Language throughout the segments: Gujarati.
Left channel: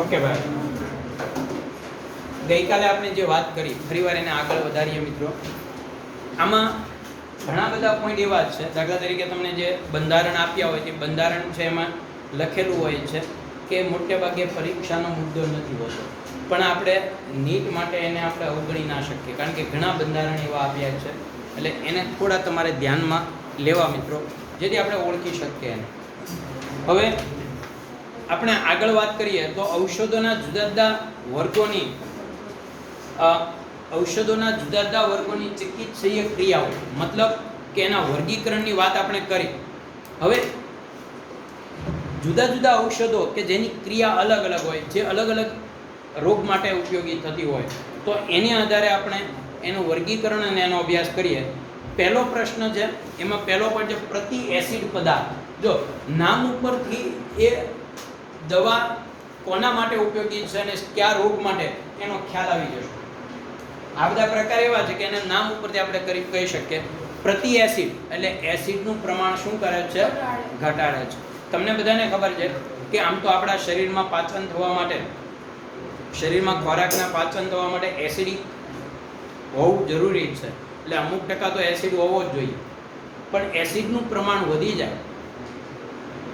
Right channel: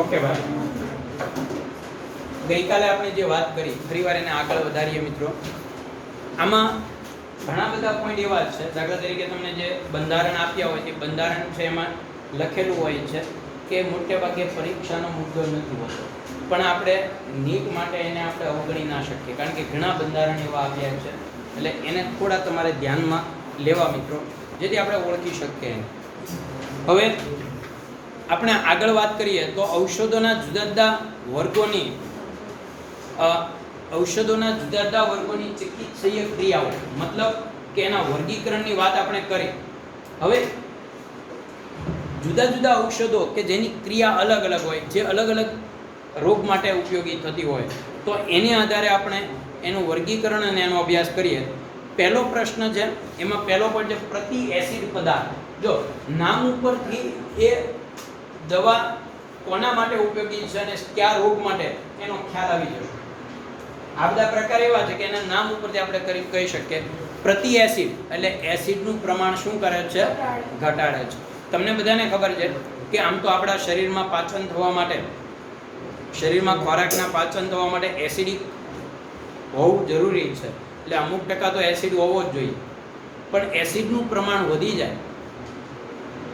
ઓકે ભાઈ, ગઈકાલે આપણે જે વાત કરી ફરીવાર એને આગળ વધારીએ મિત્રો. આમાં ઘણા બધા પોઈન્ટ એવા જ છે. દાખલા તરીકે તમને જે બંધારણ આપ્યા હોય તે બંધારણ છે એમાં લખેલું હોય છે કે મોટે ભાગે પરીક્ષાનો મુદ્દો નથી હોતો, પણ આપણે નીટ માટે એને આપણે અવગણી ના શકીએ, કારણ કે ઘણા બંધારણ એવા આપ્યા છે. એટલે એને થોડા તમારે ધ્યાનમાં લેવા મિત્રો, જેથી આપણે ઓળખી શકીએ એને. હવે આપણે આગળ વાત કરીએ તો ઔષધોના જુદા જુદા વર્ગોની ચિકિત્સકીય ક્રિયાઓ, મતલબ કે એના વર્ગીકરણની વાત આપણે કરી. હવે જુદા જુદા ઔષધો કે જેની ક્રિયા અલગ અલગ હોય, જે અલગ અલગ રોગ માટે ઉપયોગી થતી હોય, તો એની આધારે આપણે એનું વર્ગીકરણ અને એનો અભ્યાસ કરીએ. પહેલો પ્રશ્ન છે, એમાં પહેલો પોઈન્ટ છે પ્રતિ એસિડ પદાર્થ. જો નામ ઉપરથી એ દવા કોના માટે ઉપયોગી છે અને કયા રોગ માટે એનો ખ્યાલ આવી જશે. આ બધા પ્રકાર એવા છે કે એના નામ ઉપરથી આપણે કહી શકીએ. પ્રતિ એસિડ એટલે એસિડનું પ્રમાણ શું કરે છે? ઘટાડે છે. તમને બધાને ખબર છે કે આમ તો આપણા શરીરમાં પાચન થવા માટે, શરીરમાં ખોરાકના પાચન થવા માટે એસિડિક હોવું જરૂરી છે. એટલે અમુક ટકા તો એસિડ હોવો જ જોઈએ, પણ એસિડનું પ્રમાણ વધી જાય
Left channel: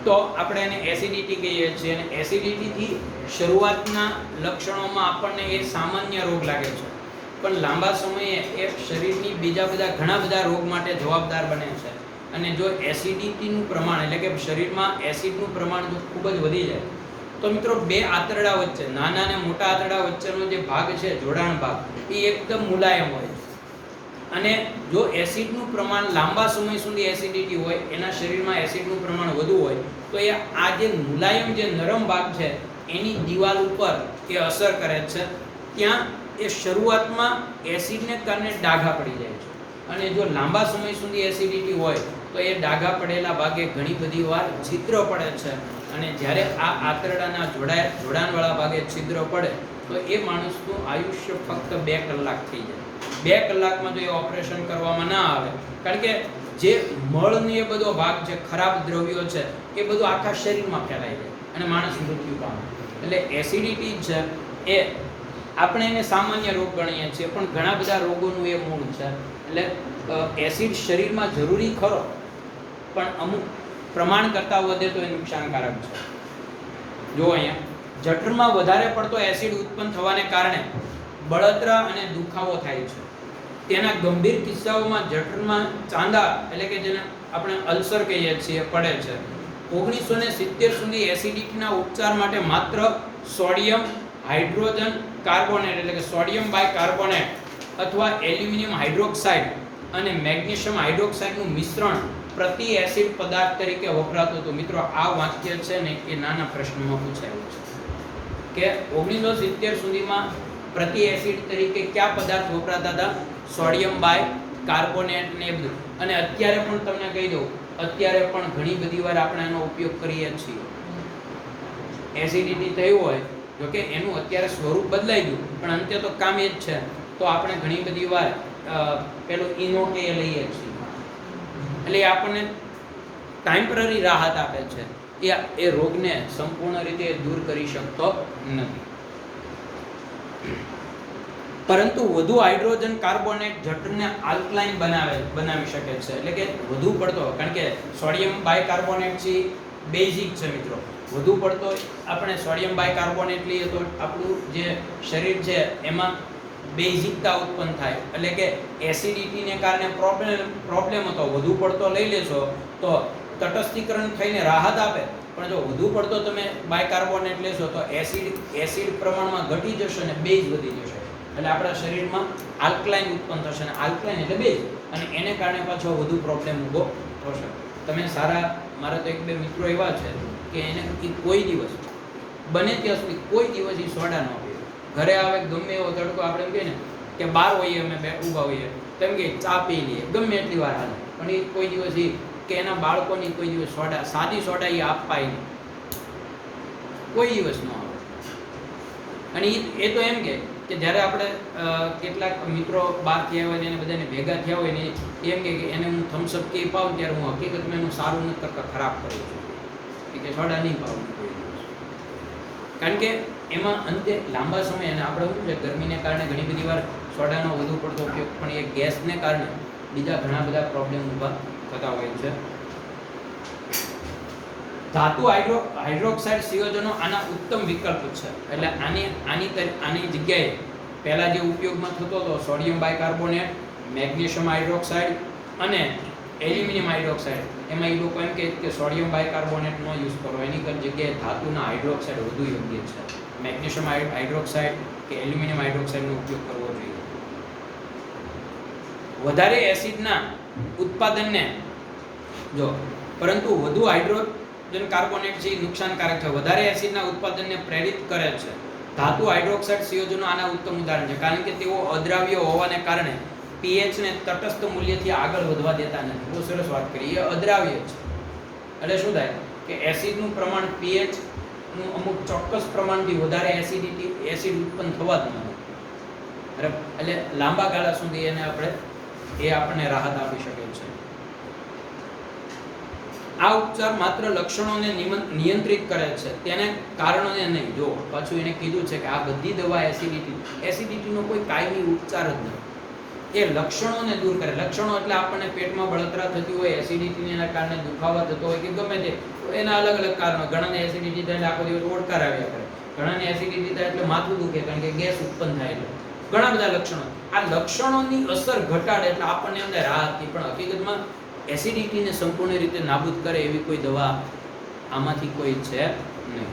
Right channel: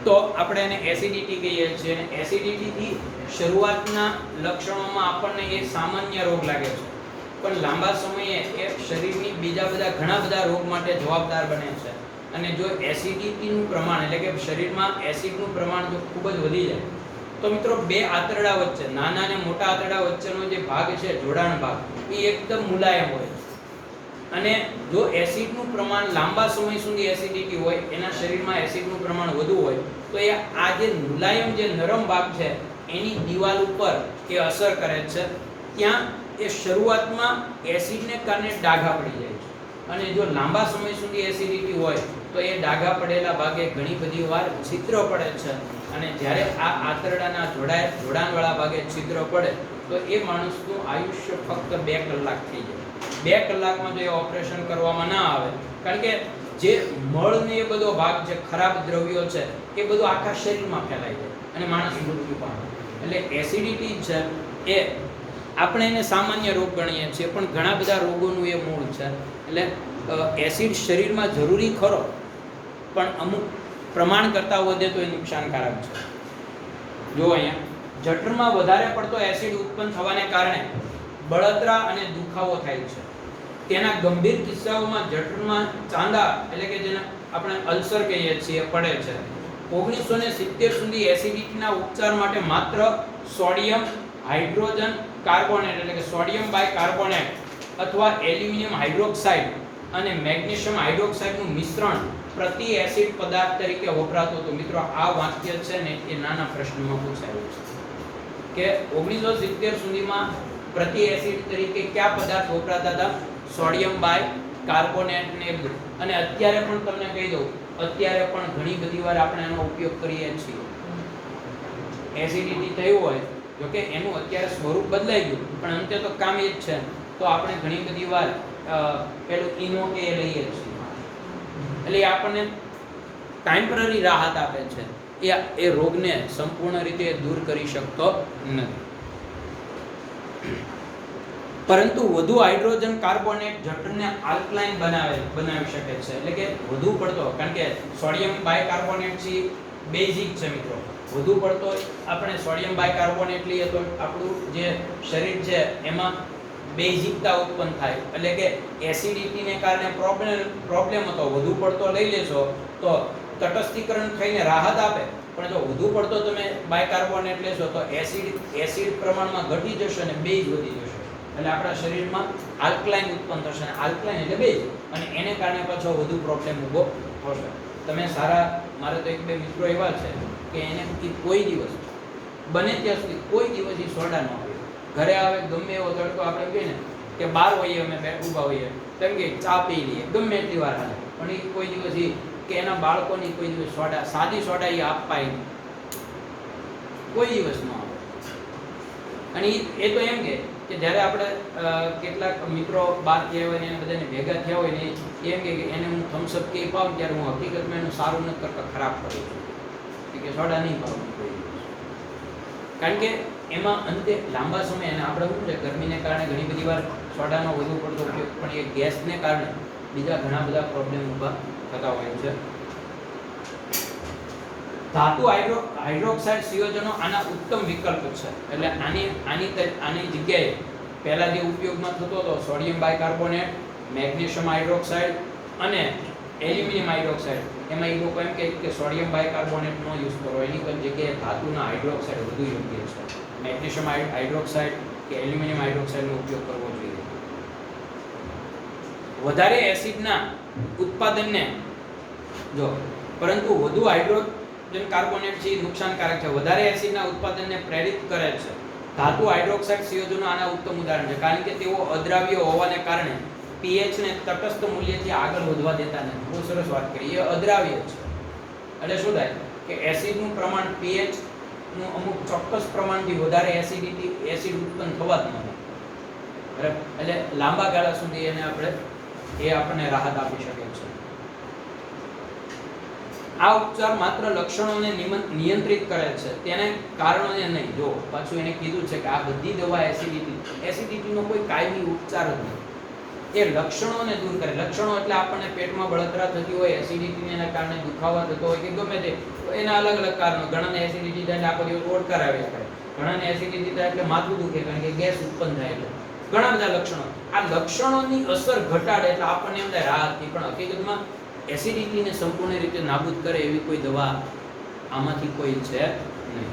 તો આપણે એને એસિડિટી કહીએ છીએ. અને એસિડિટીથી શરૂઆતના લક્ષણોમાં આપણને એ સામાન્ય રોગ લાગે છે, પણ લાંબા સમયે એ શરીરની બીજા બધા ઘણા બધા રોગ માટે જવાબદાર બને છે. અને જો એસિડિટીનું પ્રમાણ એટલે કે શરીરમાં એસિડનું પ્રમાણ જો ખૂબ જ વધી જાય તો મિત્રો બે આંતરડા વચ્ચે, નાના અને મોટા આંતરડા વચ્ચેનો જે ભાગ છે, જોડાણ ભાગ, એ એકદમ મુલાયમ હોય છે. અને જો એસિડનું પ્રમાણ લાંબા સમય સુધી એસિડિટી હોય, એના શરીરમાં એસિડનું પ્રમાણ વધુ હોય, તો એ આ જે મુલાયમ જે નરમ ભાગ છે એની દિવાલ ઉપર એ અસર કરે છે. ત્યાં એ શરૂઆતમાં એસિડને કારણે ડાઘા પડી જાય છે. અને જો લાંબા સમય સુધી એસિડિટી હોય તો એ ડાઘા પડેલા ભાગે ઘણી બધી વાર છિદ્ર પડે છે. અને જ્યારે આ આંતરડાના જોડાણવાળા ભાગે છિદ્ર પડે તો એ માણસનું આયુષ્ય ફક્ત 2 કલાક થઈ જાય. 2 કલાકમાં જો એ ઓપરેશન કરવામાં ના આવે, કારણ કે જે મળ ને એ બધો ભાગ છે, ખરાબ દ્રવ્યો છે, એ બધું આખા શરીરમાં ફેલાઈ જાય અને માણસ મૃત્યુ પામે. એટલે એસિડિટી છે એ આપણે એને સામાન્ય રોગ ગણીએ છીએ, પણ ઘણા બધા રોગોનું એ મૂળ છે. એટલે એસિડ શરીરમાં જરૂરી ખરો, પણ અમુક પ્રમાણ કરતાં વધે તો એ નુકસાનકારક છે. જો અહીંયા જઠરમાં વધારે પડતો એસિડ ઉત્પન્ન થવાને કારણે બળતરા અને દુખાવો થાય છે. તેના ગંભીર કિસ્સાઓમાં જઠરમાં ચાંદા એટલે કે જેને આપણે અલ્સર કહીએ છીએ પડે છે. 1970 સુધી એસિડિટીના ઉપચાર માટે માત્ર સોડિયમ હાઇડ્રોજન કાર્બોનેટ એટલે કે સોડિયમ બાયકાર્બોનેટ અથવા એલ્યુમિનિયમ હાઇડ્રોક્સાઇડ અને મેગ્નેશિયમ હાઇડ્રોક્સાઇડનું મિશ્રણ પ્રતિ એસિડ પદાર્થ તરીકે વપરાતું હતું. મિત્રો આ વાક્ય છે ને એ નાના પ્રશ્નમાં પૂછાયું છે કે 1970 સુધીમાં પ્રતિ એસિડ તરીકે કયા પદાર્થ વપરાતા હતા? સોડિયમ બાયકાર્બોનેટ ને બધું. અને અત્યારે પણ તમને કહી દઉં, અત્યારે પણ ઘણી બધી વાર આપણે એનો ઉપયોગ કરીએ છીએ. એસિડિટી થયું હોય, જોકે એનું અત્યારે સ્વરૂપ બદલાઈ ગયું, પણ અંતે તો કામ એ જ છે. તો આપણે ઘણી બધી વાર પેલું ઇનો કે લઈએ છીએ. એટલે એ આપણને ટેમ્પરરી રાહત આપે છે, એ રોગને સંપૂર્ણ રીતે દૂર કરી શકતો નથી. પરંતુ વધુ હાઇડ્રોજન કાર્બોનેટ જઠરને આલ્કલાઇન બનાવી શકે છે. એટલે કે વધુ પડતો, કારણ કે સોડિયમ બાયકાર્બોનેટ છે બેઝિક છે મિત્રો. વધુ પડતો આપણે સોડિયમ બાયકાર્બોનેટ લઈએ તો આપણું જે શરીર છે એમાં બેઝિકતા ઉત્પન્ન થાય. એટલે કે એસિડિટીને કારણે પ્રોબ્લેમ હતો, વધુ પડતો લઈ લેશો તો તટસ્થીકરણ થઈને રાહત આપે, પણ જો વધુ પડતો તમે બાયકાર્બોનેટ લેશો તો એસિડ પ્રમાણમાં ઘટી જશે અને બેઝ વધી જશે. એટલે આપણા શરીરમાં આલ્કલાઇન ઉત્પન્ન થશે, અને આલ્કલાઇન એટલે બેઝ, અને એને કારણે પાછો વધુ પ્રોબ્લેમ ઊભો થશે. તમે મારા તો 1-2 મિત્રો એવા છે કે એને કોઈ દિવસ બને ત્યાં સુધી કોઈ દિવસ એ સોડા ન હોય. ઘરે આવે ગમે એવો તડકો, આપણે કહીએ ને કે બહાર હોઈએ, અમે ઊભા હોઈએ તો એમ કે ચા પી લઈએ, ગમે એટલી વાર હાલે, પણ એ કોઈ દિવસ કે એના બાળકોની કોઈ દિવસ સોડા, સાદી સોડા એ આપવાય નહીં, કોઈ દિવસ ન આવે. અને એ તો એમ કે જ્યારે આપણે કેટલાક મિત્રો બહાર થયા હોય ને એને બધાને ભેગા થયા હોય ને એમ કે એને હું થમ્સઅપ કે પાઉં ત્યારે હું હકીકતમાં એનું સારું નથી કરતા, ખરાબ કરું છું કે સોડા નહીં પાવું કોઈ દિવસ. કારણ કે એમાં અંતે લાંબા સમય અને આપણે શું છે ગરમીને કારણે ઘણી બધી વાર સોડાનો વધુ પડતો ઉપયોગ પણ એ ગેસને કારણે બીજા ઘણા બધા પ્રોબ્લેમ ઊભા થતા હોય છે. ધાતુ હાઇડ્રોક્સાઇડ સંયોજનો આના ઉત્તમ વિકલ્પ છે. એટલે આની જગ્યાએ પહેલા જે ઉપયોગમાં થતો હતો સોડિયમ બાયકાર્બોનેટ, મેગ્નેશિયમ હાઇડ્રોક્સાઇડ અને એલ્યુમિનિયમ હાઇડ્રોક્સાઇડ, એમાં એ લોકો એમ કહે કે સોડિયમ બાયકાર્બોનેટનો યુઝ કરો, એની જગ્યાએ ધાતુના હાઇડ્રોક્સાઇડ વધુ યોગ્ય છે. મેગ્નેશિયમ હાઇડ્રોક્સાઇડ કે એલ્યુમિનિયમ હાઇડ્રોક્સાઇડનો ઉપયોગ કરવો જોઈએ. વધારે એસિડના ઉત્પાદનને જો પરંતુ વધુ હાઇડ્રોજન કાર્બોનેટ છે નુકસાનકારક છે. વધારે એસિડના ઉત્પાદનને પ્રેરિત કરે છે. ધાતુ હાઇડ્રોક્સાઇડ સંયોજનો આના ઉત્તમ ઉદાહરણ છે, કારણ કે તેઓ અદ્રાવ્ય હોવાને કારણે pH ને તટસ્થ મૂલ્યથી આગળ વધવા દેતા નથી. બહુ સરસ વાત કરી. એ અદ્રાવ્ય છે એટલે શું થાય કે એસિડનું પ્રમાણ pH નું અમુક ચોક્કસ પ્રમાણથી વધારે એસિડ ઉત્પન્ન થવા જ ન દે. બરાબર? એટલે લાંબા ગાળા સુધી એ આપણને રાહત આપી શકે છે. આ ઉપચાર માત્ર લક્ષણોને નિયંત્રિત કરે છે, તેને કારણોને નહીં. જો પાછું એને કીધું છે કે આ બધી દવા એસિડિટીનો કોઈ કાયમી ઉપચાર જ નથી. એ લક્ષણોને દૂર કરે. લક્ષણો એટલે આપણને પેટમાં બળતરા થતી હોય, એસિડિટીના કારણે દુખાવા થતો હોય કે ગમે તે, એના અલગ અલગ કારણો. ઘણાને એસિડિટી થાય એટલે આખો દિવસ ઓડકાર આવ્યા કરે, ઘણાને એસિડિટી થાય એટલે માથું દુખે કારણ કે ગેસ ઉત્પન્ન થાય. એટલે ઘણા બધા લક્ષણો. આ લક્ષણોની અસર ઘટાડે એટલે આપણને એમ થાય રાહત થઈ, પણ હકીકતમાં એસિડિટીને સંપૂર્ણ રીતે નાબૂદ કરે એવી કોઈ દવા આમાંથી કોઈ છે નહીં.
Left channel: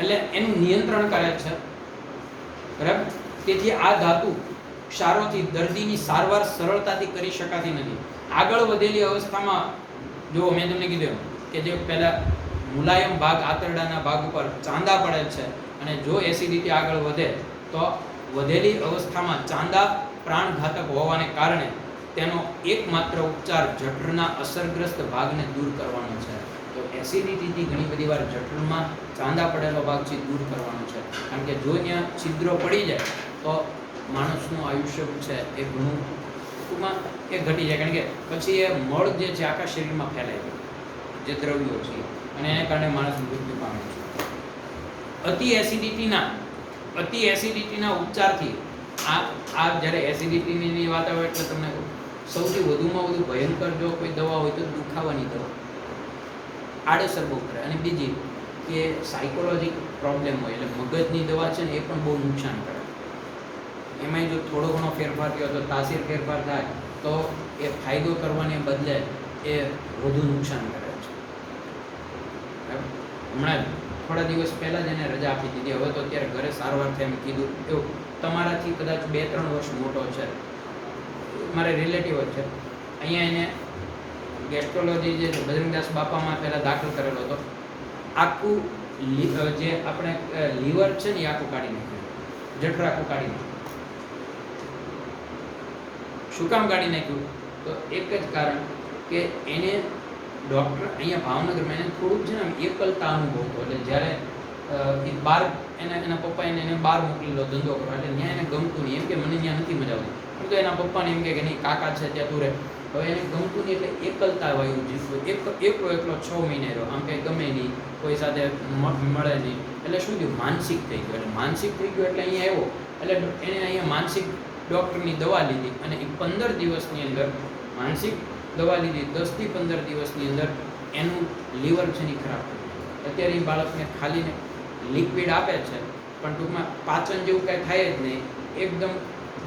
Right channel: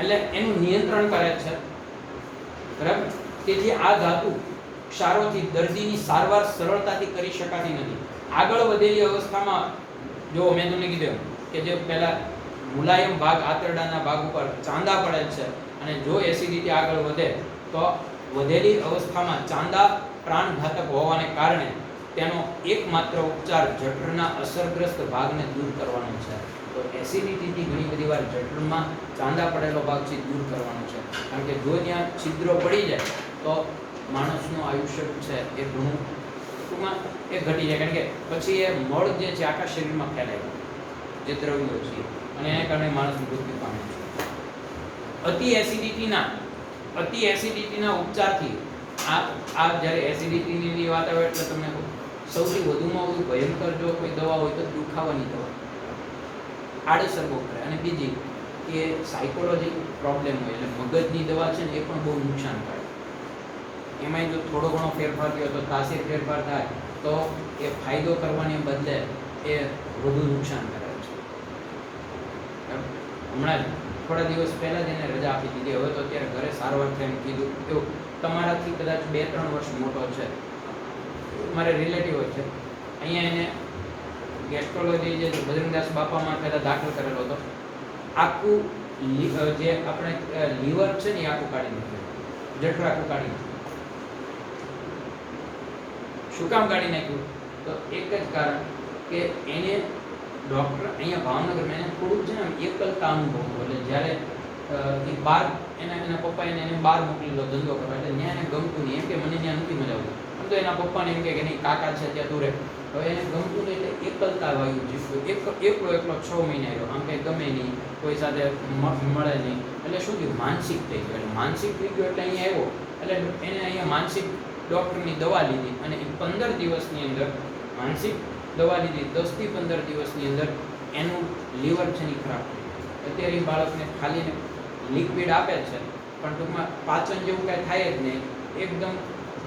એટલે એનું નિયંત્રણ કરે છે. બરાબર? તેથી આ ધાતુ ક્ષારોથી દર્દીની સારવાર સરળતાથી કરી શકાતી નથી. આગળ વધેલી અવસ્થામાં જો મેં તમને કીધું કે જે પહેલા મુલાયમ ભાગ આંતરડાના ભાગ ઉપર ચાંદા પડે છે અને જો એસિડિટી આગળ વધે તો વધેલી અવસ્થામાં ચાંદા પ્રાણઘાતક હોવાને કારણે તેનો એકમાત્ર ઉપચાર જઠરના અસરગ્રસ્ત ભાગને દૂર કરવાનો છે. તો એસિડિટીથી ઘણી બધી વાર જઠરમાં ચાંદા પડેલો ભાગ છે દૂર કરવાનો છે, કારણ કે જો ત્યાં છિદ્રો પડી જાય તો માણસનું આયુષ્ય છે એ ઘણું ટૂંકમાં એ ઘટી જાય, કારણ કે પછી એ મળ જે છે આખા શરીરમાં ફેલાય જે દ્રવ્યો છે અને એને કારણે માણસ મૃત્યુ પામે છે. અતિ એસિડિટીના ઉપચારથી આ જ્યારે એસિડિટીની વાત આવે એટલે તમને સૌથી વધુમાં વધુ ભયંકર જો કોઈ દવા હોય તો દુખાવાની દવા આડઅસર બહુ કરે. અને બીજી કે સાયકોલોજીકલ પ્રોબ્લેમ હોય એટલે મગજની દવા છે ને એ પણ બહુ નુકસાન કરે. એમાં જો થોડો ઘણો ફેરફાર થયો તો તાસીર ફેરફાર થાય તો એ ફાયદો કરવાને બદલે એ વધુ નુકસાન કરે છે. હમણાં થોડા દિવસ પહેલાં જ એને રજા આપી દીધી. હવે તો અત્યારે ઘરે સારવાર થાય એમ કીધું. એવું તમારાથી કદાચ 2-3 વર્ષ મોટો છે, મારે રિલેટિવ છે, અહીંયા એને ગેસ્ટ્રોલોજી જે બજરંગદાસ બાપામાં પહેલાં દાખલ કરેલો હતો. આખું જે આપણે લીવર છે ને એ આખું કાઢી નાખ્યું, જઠર આખું કાઢી નાખ્યું. શું કામ કાઢી નાખ્યું? તો એક જ કારણ કે એને ડૉક્ટર અહીંયા ભાવનગરમાં એને થોડુંક છે ને એકલતા અનુભવ. એટલે જ્યારે એ બહાર એના પપ્પા એને બહાર મોકલેલો ધંધો કરવા, એટલે ત્યાં એને ગમતું નહીં. એમ કે મને ત્યાં નથી મજા આવતી, પણ તો એના પપ્પાને એમ કે નહીં કાકા છે ત્યાં તું રહે. હવે એને ગમતું નહીં એટલે એકલતા વાયુ જીવતો એકલો 6 મહિના રહ્યો. આમ કંઈ ગમે નહીં, કોઈ સાથે મળે નહીં. એટલે શું થયું? માનસિક થઈ ગયો. એટલે માનસિક થઈ ગયો એટલે અહીંયા આવ્યો. એટલે એને અહીંયા માનસિક ડૉક્ટરની દવા લીધી અને 15 દિવસની અંદર માનસિક દવા લીધી. 10 થી 15 દિવસની અંદર એનું લીવર છે ને ખરાબ થઈ ગયું. અત્યારે એ બાળકને ખાલીને લિક્વિડ આપે છે પણ ટૂંકમાં પાચન જેવું કાંઈ થાય જ નહીં. એકદમ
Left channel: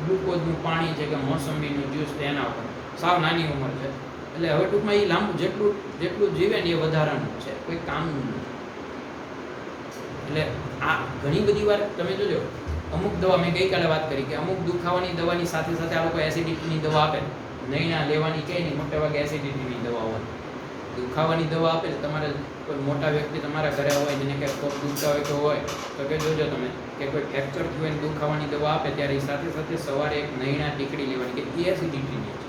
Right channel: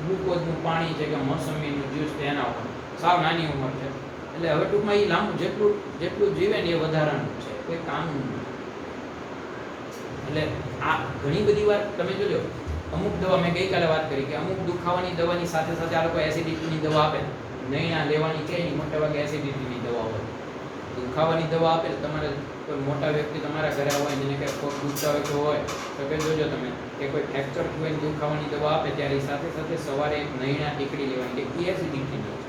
ગ્લુકોઝનું પાણી છે કે મોસંબીનું જ્યુસ છે એના ઉપર. સાવ નાની ઉંમર છે એટલે હવે ટૂંકમાં એ લાંબુ જેટલું જીવે ને એ વધારાનું છે, કોઈ કામનું નથી. એટલે આ ઘણી બધી વાર તમે જોજો, અમુક દવા મેં ગઈકાલે વાત કરી કે અમુક દુખાવાની દવાની સાથે સાથે આ લોકો એસિડિટીની દવા આપે. નૈણા લેવાની કે નહીં, મોટા ભાગે એસિડિટીની દવા હોય. દુખાવાની દવા આપે તમારે કોઈ મોટા વ્યક્તિ તમારા ઘરે હોય જેને કંઈ પગ દુખતા હોય તો કે જોજો તમે કે કોઈ ફ્રેક્ચર થયેલ દુખાવાની દવા આપે ત્યારે સાથે સાથે સવારે એક નૈણા ટીકડી લેવાની કે એ એસિડિટીની છે.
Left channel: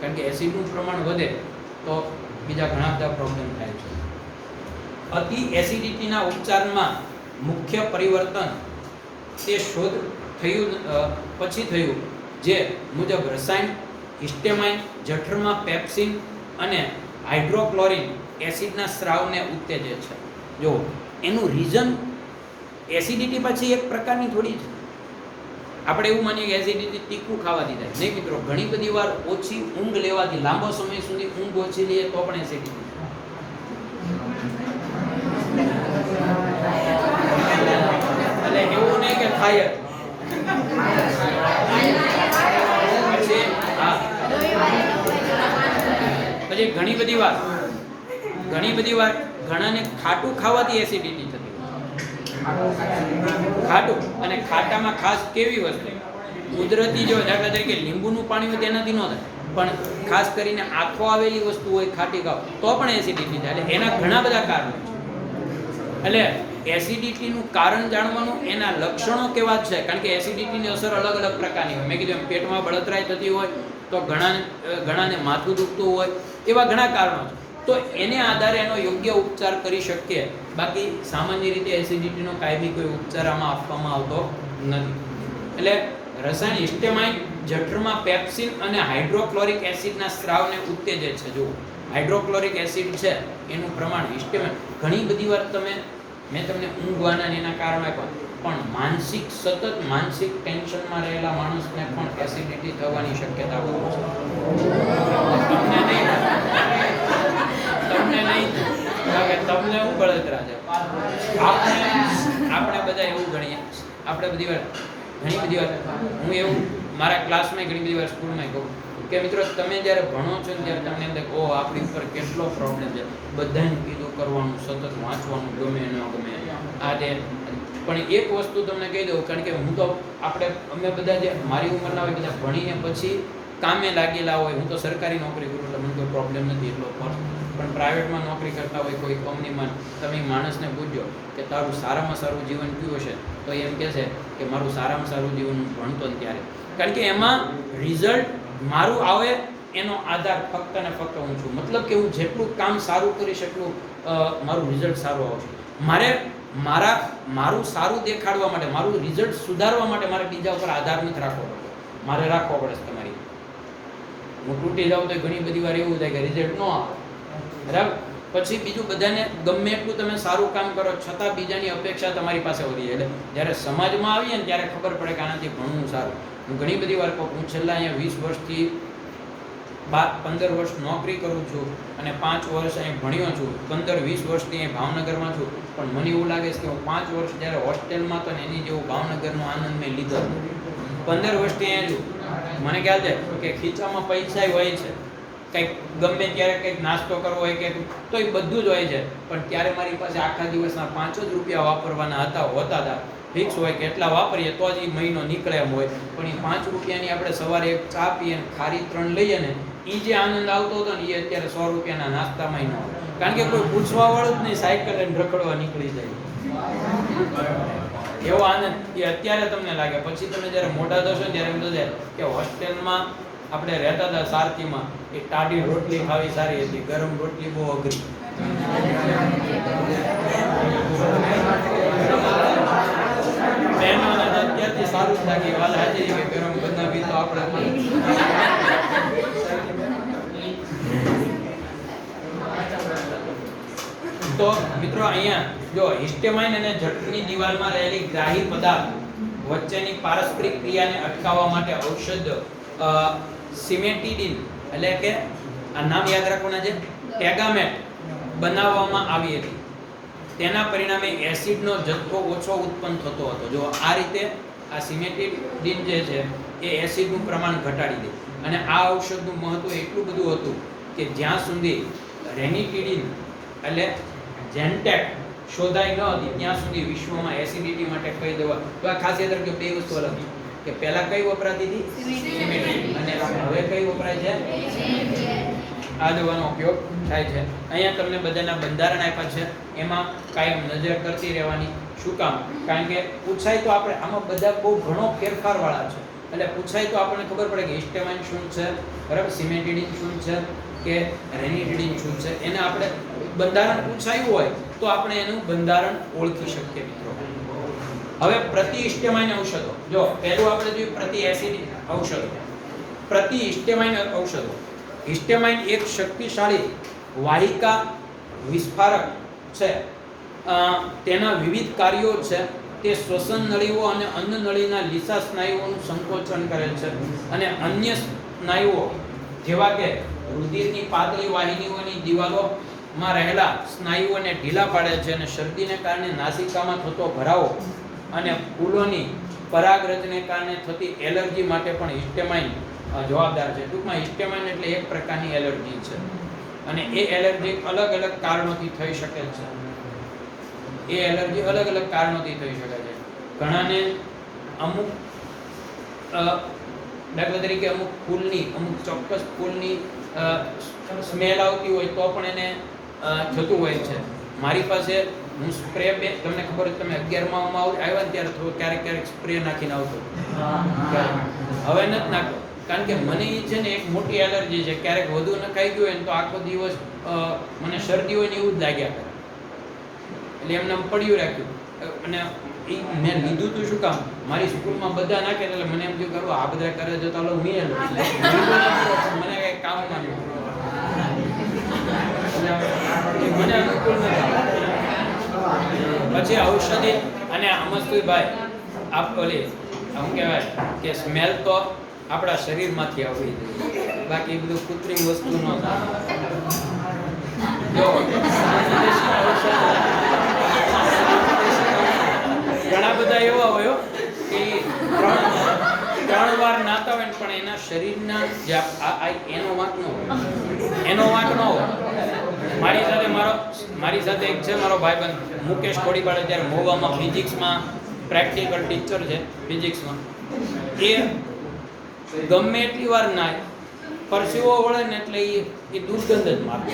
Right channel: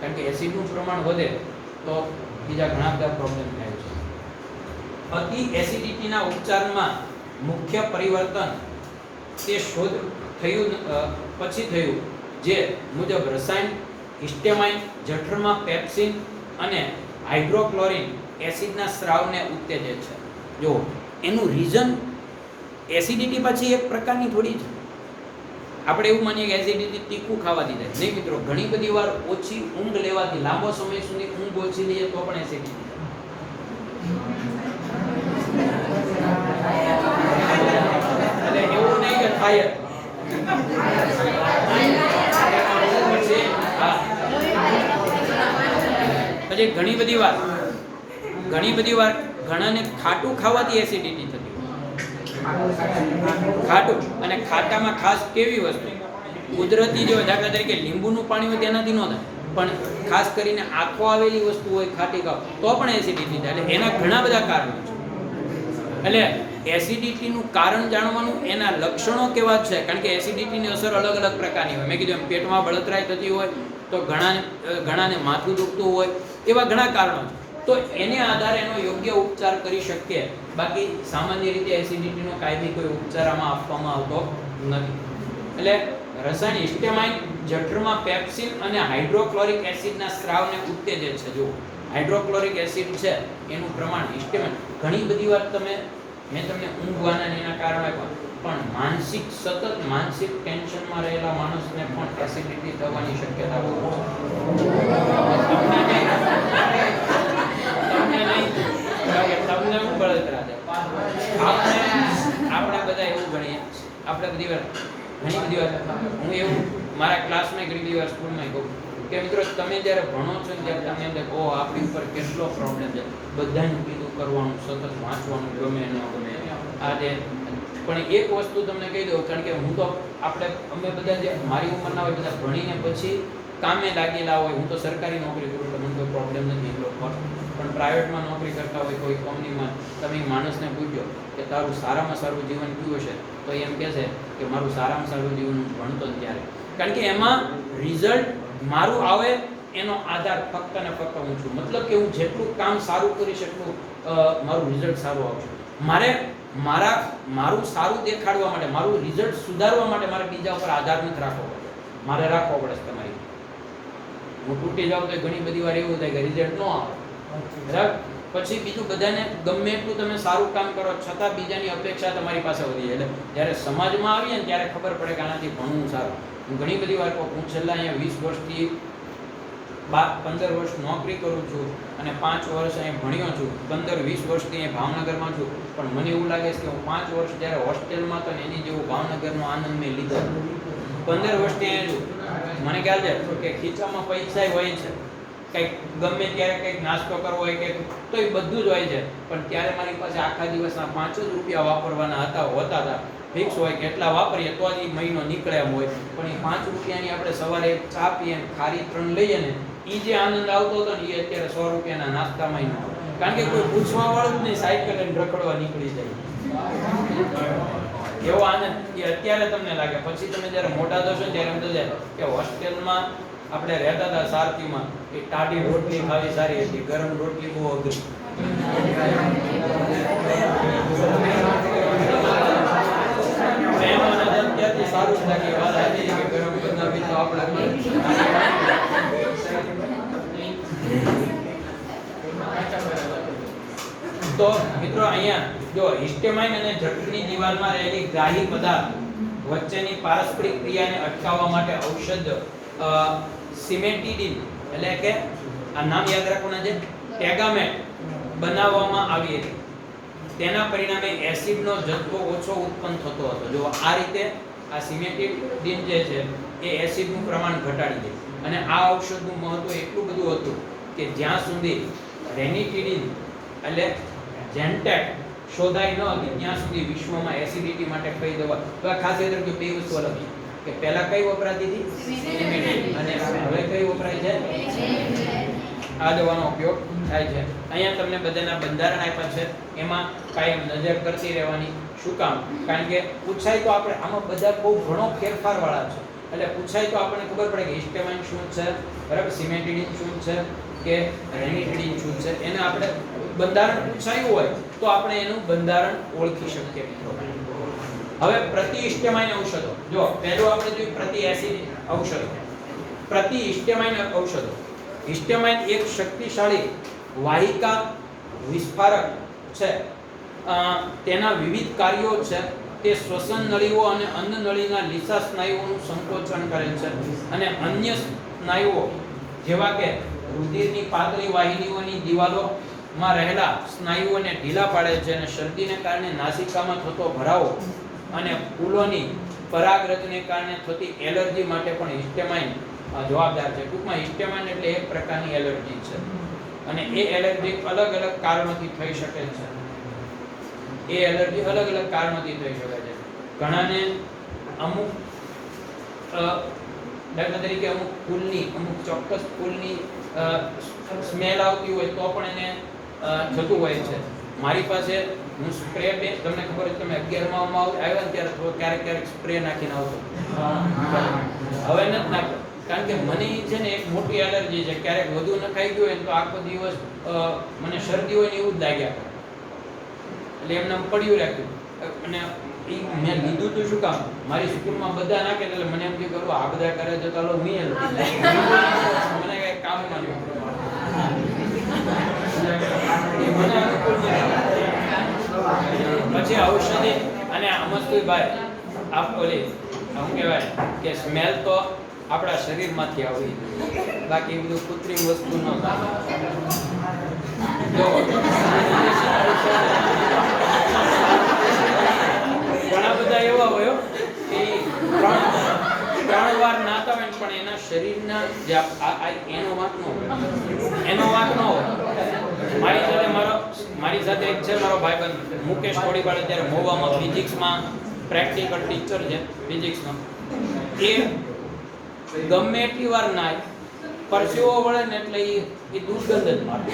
કારણ કે એસિડનું પ્રમાણ વધે તો બીજા ઘણા બધા પ્રોબ્લેમ થાય છે. અતિ એસિડિટીના ઉપચારમાં મુખ્ય પરિવર્તન તે શોધ થયું પછી થયું જે મુજબ રસાયણ હિસ્ટેમાઇન જઠરમાં પેપ્સિન અને હાઇડ્રોક્લોરિન એસિડના સ્રાવને ઉત્તેજે છે. જો એનું રીઝન એસિડિટી પછી એક પ્રકારની થોડી છે. આપણે એવું માનીએ કે એસિડિટી તીખું ખાવાથી થાય. નહીં મિત્રો, ઘણી બધી વાર ઓછી ઊંઘ લેવાથી, લાંબો સમય સુધી ઊંઘ ઓછી લઈએ તો પણ એસિડિટી થાય. એટલે એવું નહીં કે થાય પછી ઘણી બધી વાર ઘણાને ખાટું ખાવાથી એસિડિટી થતી હોય. ખાટું, અને ખાટામાં ખાસ કેવી વસ્તુ કુદરતી, જો દાખલા તરીકે લીંબુનું પાણી હોય તેનાથી ન થાય, પણ ખાસ કરીને આથો આવેલી વસ્તુ હોય ખાટી ખાવ તો પણ એસિડિટી થાય. એટલે એના ઘણા બધા કારણો છે. એટલે એસિડિટીનું કારણ જાણવાનું, એના લક્ષણો કેવા છે, કારણ કે એસિડિટીની અસર અલગ અલગ પ્રકારની હોય. મેં કીધું એમ પેટમાં બળતરાઈ થતી હોય તો ઘણાને માથું દુખતું હોય, એવા ઘણા કારણો છે. તો એને આધારે એનો યોગ્ય ઉપચાર કરી શકીએ. બાકી સામાન્ય રીતે એસિડિટીનો કાયમી કોઈ ઉપચાર આમાં આપવામાં આવતો નથી. એટલે રસાયણ હિસ્ટેમાઇન જઠરમાં પેપ્સિન અને હાઇડ્રોક્લોરિક એસિડના સ્રાવને ઉત્તેજે છે. જો હાઇડ્રોક્લોરિક એસિડ છે એનું પ્રમાણ હિસ્ટેમાઇન, ઘણી બધી વાર મેં તમને ઊંઘવાના એના કારણે પણ સતત માનસિક ટેન્શનમાં રહેલા માણસને પણ એસિડિટી થવાની શક્યતા બહુ છે. તમને શું બળતરા છે? આપણે બધા એવું ગણીએ. આપણે ઘણી બધી વાર હું એવું મારા ક્લાસમાં ઘણી બધી વાર સ્કૂલમાં કહું કે મિત્રો, તમે જ્યારે ભણો છો ને ત્યારે તમને અંદર આપણી ઉપર કેટલો પ્રોબ્લેમ છે. બધાને કીધું કરવાનું, સતત વાંચવાનું, ગમે ન ગમે આ તે. પણ એક વસ્તુ તમને કહી દઉં, કારણ કે હું તો અમે બધા જે મારી ઉંમરના હોય બધા ભણીને પછી કામે લાગેલા હોય. હું તો સરકારી નોકરી કરું એટલે મને કોઈ પ્રોબ્લેમ નથી એટલો, પણ પ્રાઇવેટમાં નોકરી કરતા હોય કોઈ કંપનીમાં, તમે માણસને પૂછજો કે તારું સારામાં સારું જીવન કયું છે, તો એમ કહે છે કે મારું સારામાં સારું જીવન હું ભણતો ને ત્યારે. કારણ કે એમાં રિઝલ્ટ મારું આવે એનો આધાર ફક્ત ને ફક્ત હું છું. મતલબ કે હું જેટલું કામ સારું કરી શકું મારું રિઝલ્ટ સારું આવશે. મારું સારું દેખાડવા માટે, મારું રિઝલ્ટ સુધારવા માટે મારે બીજા ઉપર આધાર નથી રાખવો પડે. મારે રાખવો પડે છે તમારી. હું તૂટી જાઉં તો ઘણી બધી વાર એવું થાય કે રિઝલ્ટ ન આવે, બરાબર. પછી બીજું, બધાને ગમે એટલું તમે સારું કામ કરો છતાં બીજાની અપેક્ષા તમારી પાસે વધી જાય. એટલે જ્યારે સમાજમાં આવીએ ને ત્યારે ખબર પડે કે આનાથી ભણવું સારું. હું ઘણી બધી વાર કહું, હું છેલ્લા અહીંયા 20 વર્ષથી 15 વર્ષ નોકરી કરું છું અને 5 વર્ષ અહીં ભણ્યો છું. 15-20 વર્ષથી અહીં ભાવનગરમાં છું. પણ મને એવું લાગે છે કે હું 5 વર્ષ જ્યારે હોસ્ટેલમાં હતો ને એની જેવું ભાવનગરનો આનંદ મેં લીધો. 15 વર્ષથી અહીંયા છું. મને ખ્યાલ છે કે ખીચામાં પૈસા હોય છે, કંઈક ગમે ત્યારે કંઈક નાસ્તો કરવો હોય કે તો એ બધું જ હોય છે. પણ ત્યારે મારી પાસે આખા દિવસના 5 જ રૂપિયા વાપરવાના હતા. ફિક્સ હોય કે એટલા વાપરીએ તો જ એ મહિનો નીકળે એમ હોય. પણ એ 5 રૂપિયાની આપણે સવારે એક ચા પીએ ને ખારી 3 લઈએ ને, એ જે આનંદ આવતો હતો ને એ અત્યારે 100 રૂપિયાના નાસ્તામાં ન. કારણ કે કોઈ પૂછવાવાળું જ નહીં, સાયકલ લઈને રખડવા નીકળી જાય. એવો આનંદ એ અત્યારે તમને લાગે. પછી તમે જ્યારે મોટા થશો ત્યારે એમ થશે કે હોસ્ટેલમાં આપણે રહેતા હતા સારથીમાં, એ ટાઢી રોટલી ખાવી સારી હતી, ગરમ રોટલી બહુ અઘરી. અત્યારથી સારું જ લાગે. વાત સાચી કે ગરમ બનાવી તો આપણે. તો મિત્રો, અહીંયા જો હિસ્ટેમાઇન અને જઠરની દિવાલમાં રહેલી ગ્રાહી પદાર્થ વચ્ચેની પારસ્પરિક ક્રિયાને અટકાવવા માટે ઔષધ સિમેટિડિન, એટલે કે આ નામ યાદ રાખવાના છે, ટેગામેટ બનાવવામાં આવી હતી. તેના પરિણામે એસિડનો જથ્થો ઓછો ઉત્પન્ન થતો હતો. જો આ રીતે આ સિમેટિડિન જે છે એ એસિડનું પ્રમાણ ઘટાડી દે. અને આ ઔષધનું મહત્વ એટલું બધું હતું કે જ્યાં સુધી રેનિટિડિન એટલે જેન્ટેક શોધાઈ ન હતી ત્યાં સુધી વિશ્વમાં એસિડિટી માટે કઈ દવા, તો આ ખાસ યાદ રાખજો, બે વસ્તુ અલગ છે કે પહેલા કઈ વપરાતી હતી સિમેટિડિન, અને હવે કઈ વપરાય છે આ દવાનો ઉપયોગ થાય છે. અહીંયા તમને બધાના બંધારણ આપ્યા છે, એમાં કાયમ નજર કરતી રહેવાની. શું કામ? કારણ કે પૂછાય તો આપણે આમાં બધા બહુ ઘણો ફેરફાર વાળા છે. એટલે પૂછાય તો આપણને ખબર પડે કે હિસ્ટેમાઇન શું છે, બરાબર, સિમેટિડિન શું છે કે રેનિટિડિન શું છે. એને આપણે બંધારણ પૂછાયું હોય તો આપણે એનું બંધારણ ઓળખી શકીએ મિત્રો. હવે પ્રતિહિસ્ટેમાઇન ઔષધો, જો પહેલું આપણે જોયું પ્રતિ એસિડ ઔષધ, પ્રતિહિસ્ટેમાઇન ઔષધો. હિસ્ટેમાઇન એક શક્તિશાળી વાહિકા વિસ્ફારક છે તેના વિવિધ કાર્યો છે. તે શ્વસન નળીઓ અને અન્ન નળીના લીસા સ્નાયુઓનું સંકોચન કરે છે અને અન્ય સ્નાયુઓ જેવા કે રુધિરની પાતળી વાહિનીઓની દિવાલોમાં રહેલા સ્નાયુઓને ઢીલા પાડે છે અને શરદીને કારણે નાસિકામાં થતો ભરાવો અને ફૂલોની પરાગરજને કારણે થતી એલર્જી માટે પણ હિસ્ટેમાઇન જવાબદાર છે. ટૂંકમાં હિસ્ટેમાઇન એટલે એક પ્રકારની એલર્જી છે અને એ એલર્જી અલગ અલગ કારણોથી થઈ શકે છે. એ એલર્જી અલગ અલગ કારણોથી થઈ શકે છે. ઘણાને અમુક દાખલા તરીકે અમુક ફૂલની અમુક ચોક્કસ ફૂલની સ્મેલ આવતી હોય તો પણ એને થતું હોય છે. મારી પાસે હું સ્પ્રે તમને ખબર હોય તમે 11માં આવ્યા ને ત્યારે ક્યારેક ક્યારેક સ્પ્રે નાખીને આવતો. હવે નથી નાખતો કારણ કે મને છે ને એક મોટી એલર્જી છે. ક્યારેક વધુ નખાઈ ગયું હોય ને તો આખો દિવસ મને શરદી હોય ને એવું જ લાગ્યા કરે. એટલે એમને પડ્યું રાખ્યું અને મેં લીધું તું શું કામ મારી સ્કૂલમાં બધા નાખે એટલે મને એમ થયું કરું આ બધા કરે તો ચાલો હું મને કઈ કામ ના પછી ઔષધિ અને અમસ્તુભાઈ આપ ઓલી આમ કહેવાય કે સ્મેલ તો આપણા શરીરમાંથી આવવી જોઈએ, બાકી બધું કૃત્રિમ વસ્તુ ન થાય. ઘણા બધા એવા હોય કે 3 વાર નાતા હોય પણ એના શરીરના જે એનો વાંક ન હોય. મારી સાથે એક છે મારો ભાઈબંધ મુકેશ કોડીવાળા, ત્યારે મોવામાં ફિઝિક્સમાં પ્રેક્ટિકલ ટીચર છે ફિઝિક્સમાં. એ ગમે એટલી વાર નાય પરસેવો વળે ને એટલે એ દુર્ગંધ જ મારે.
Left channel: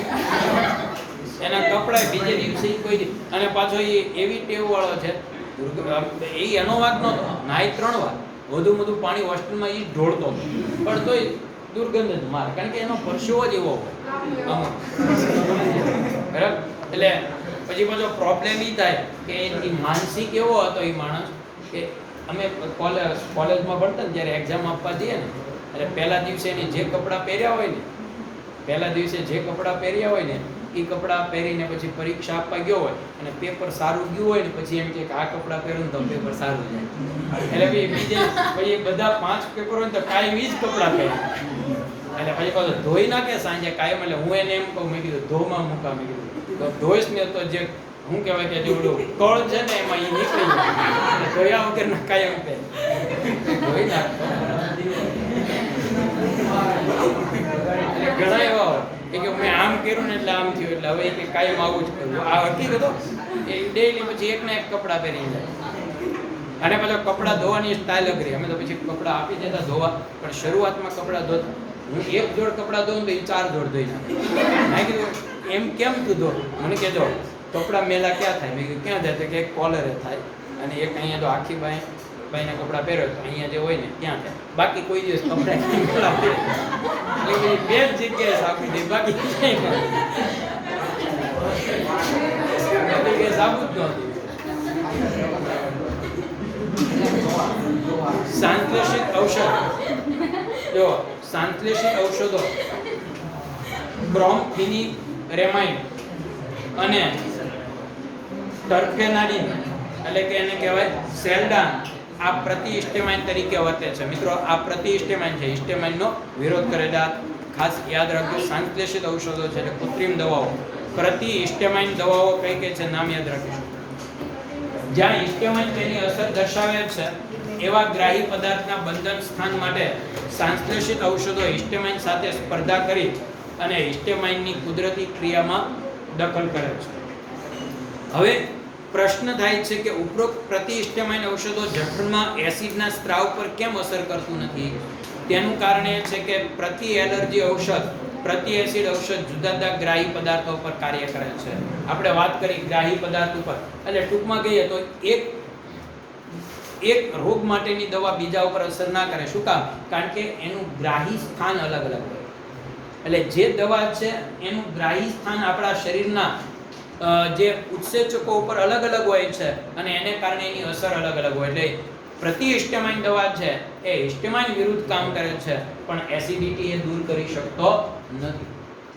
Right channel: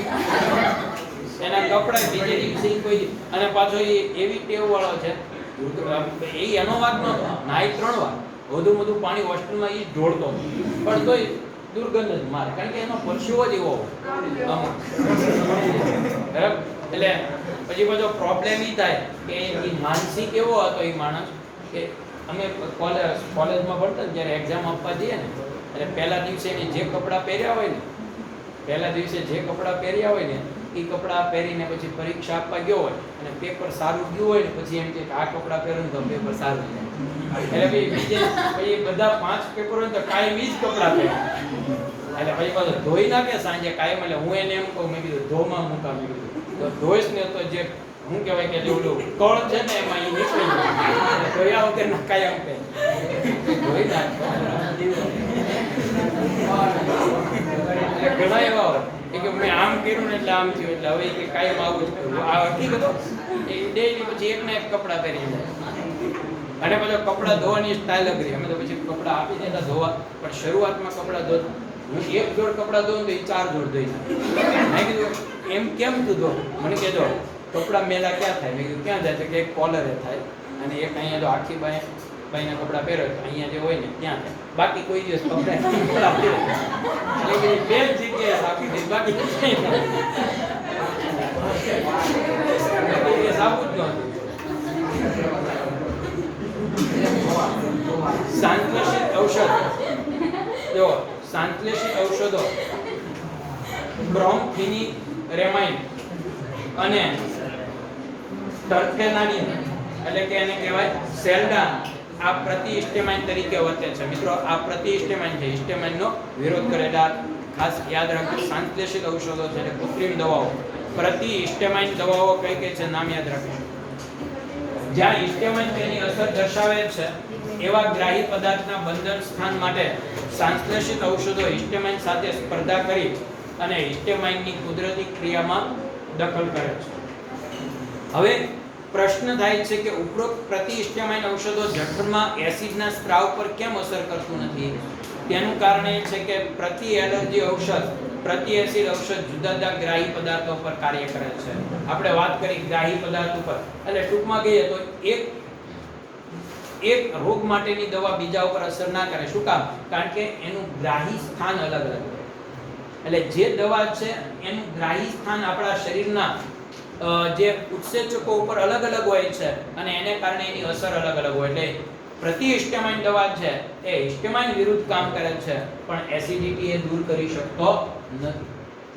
એના કપડા બીજે દિવસે કોઈ અને પાછો એ એવી ટેવ વાળો છે એ એનો વાત નહોતો, નાય 3 વાર વધુ પાણી હોસ્ટેલમાં એ ઢોળતો પણ તોય દુર્ગંધ જ મારે કારણ કે એનો પરસેવો જ એવો હોય બરાબર. એટલે પછી પાછો પ્રોબ્લેમ એ થાય કે એ માનસિક એવો હતો એ માણસ કે અમે કોલેજમાં ભણતા ને ત્યારે એક્ઝામ આપવા જઈએ ને એટલે પહેલા દિવસે એને જે કપડાં પહેર્યા હોય ને એ કપડાં પહેરીને પછી પરીક્ષા આપવા ગયો હોય અને પેપર સારું ગયું હોય ને પછી એમ કે આ કપડાં પહેરું તો પેપર સારું જાય. એટલે પછી બધા 5 પેપર હોય તો કાયમ ઈ જ કપડાં પહેરે એટલે પછી પાછું ધોઈ નાખે સાંજે કાયમ. એટલે હું એને એમ કહું મેં કીધું ધોમાં મૂકા મેં કીધું તો ધોઈશ ને તો જે શું કહેવાય કે ઓલું કળ છે ને એમાં એ નીકળી જાય ધોયા વગર કાયમ પહેરે ધોઈ નાખે. ઘણા એવા હોય કે મેં આમ કર્યું ને એટલે આમ થયું એટલે હવે કે કાયમ આવું જ કર્યું આ હતી બધો એ ડેલી પછી એકને એક કપડાં પહેરી જાય અને પછી કપડાં ધોવાની સ્ટાઇલ અઘરી. અમે તો પછી કપડાં આપી દેતા ધોવા પણ શરૂઆતમાં કપડાં ધોતા હું 1 જોડ કપડાં ધોઉં તો એ 4 જોડ ધોઈ નાખું. મેં કીધું એમ કેમ તું ધો? મને કહેજો કપડાં મેલા ક્યાં થાય? મેં કીધું ક્યાં જાય કે એક કોલરે થાય અને એક અહીંયા તો આખી બાઈને કપડાં પહેરો તો અહીંયા જે હોય ને ત્યાં થાય, બાકી કોઈ દિવસ કપડાં પહેરે બે જગ્યાએ સાબુ છે બાકી સાબુ જ નથી. સંશ્લેષિત ઔષધ જો સંશ્લેષિત ઔષધો બ્રોમફેનિરેમાઇન અને ટર્ફેનાડિન એટલે કે એને કહેવાય સેલ્ડાન આ પ્રતિહિસ્ટેમાઇન તરીકે વર્તે છે. મિત્રો આ પ્રતિહિસ્ટેમાઇન છે, હિસ્ટેમાઇનનો વિરોધ કરે છે. ખાસ યાદ રાખજો સંશ્લેષિત ઔષધો છે એટલે કૃત્રિમ દવાઓ. પ્રતિહિસ્ટેમાઇન દવાઓ કઈ કઈ છે નામ યાદ રાખજો. જ્યાં હિસ્ટેમાઇન તેની અસર દર્શાવે છે એવા ગ્રાહી પદાર્થના બંધન સ્થાન માટે સંશ્લેષિત ઔષધો હિસ્ટેમાઇન સાથે સ્પર્ધા કરી અને હિસ્ટેમાઇનની કુદરતી ક્રિયામાં દખલ કરે છે. હવે પ્રશ્ન થાય છે કે ઉપરોક્ત પ્રતિહિસ્ટેમાઇન ઔષધો જઠરમાં એસિડના સ્ત્રાવ પર કેમ અસર કરતું નથી? તેનું કારણ એ છે કે પ્રતિ એલર્જી ઔષધ પ્રતિ એસિડ ઔષધ જુદા જુદા ગ્રાહી પદાર્થો પર કાર્ય કરે છે. આપણે વાત કરી ગ્રાહી પદાર્થ ઉપર એટલે ટૂંકમાં કહીએ તો એક રોગ માટેની દવા બીજા ઉપર અસર ના કરે. શું કામ? કારણ કે એનું ગ્રાહી સ્થાન અલગ અલગ હોય. એટલે જે દવા છે એનું ગ્રાહી સ્થાન આપણા શરીરના જે ઉત્સેચકો ઉપર અલગ અલગ હોય છે અને એને કારણે એની અસર અલગ અલગ હોય. એટલે પ્રતિહિસ્ટેમાઇન દવા છે એ હિસ્ટેમાઇન વિરુદ્ધ કામ કરે છે પણ એસિડિટી એ દૂર કરી શકતો નથી.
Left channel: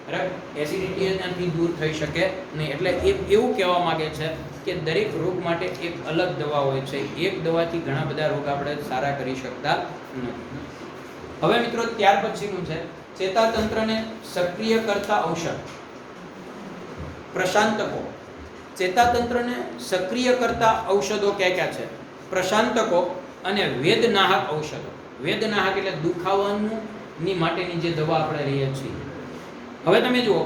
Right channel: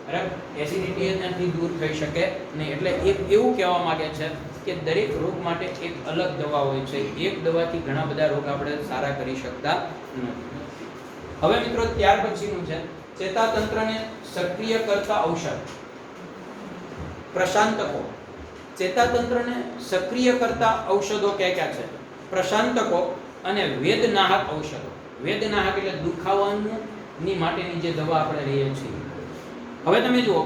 બરાબર, એસિડિટી એનાથી દૂર થઈ શકે નહીં. એટલે એવું કહેવા માંગે છે કે દરેક રોગ માટે એક અલગ દવા હોય છે. એક દવાથી ઘણા બધા રોગ આપણે સારા કરી શકતા નથી. હવે મિત્રો ત્યાર પછીનું છે ચેતાતંત્રને સક્રિય કરતા ઔષધ. પ્રશાંતકો. ચેતાતંત્રને સક્રિય કરતા ઔષધો કયા છે? પ્રશાંતકો અને વેદનાહક ઔષધો. વેદનાહક એટલે દુખાવાની માટેની જે દવા આપણે લઈએ છીએ. હવે તમે જુઓ,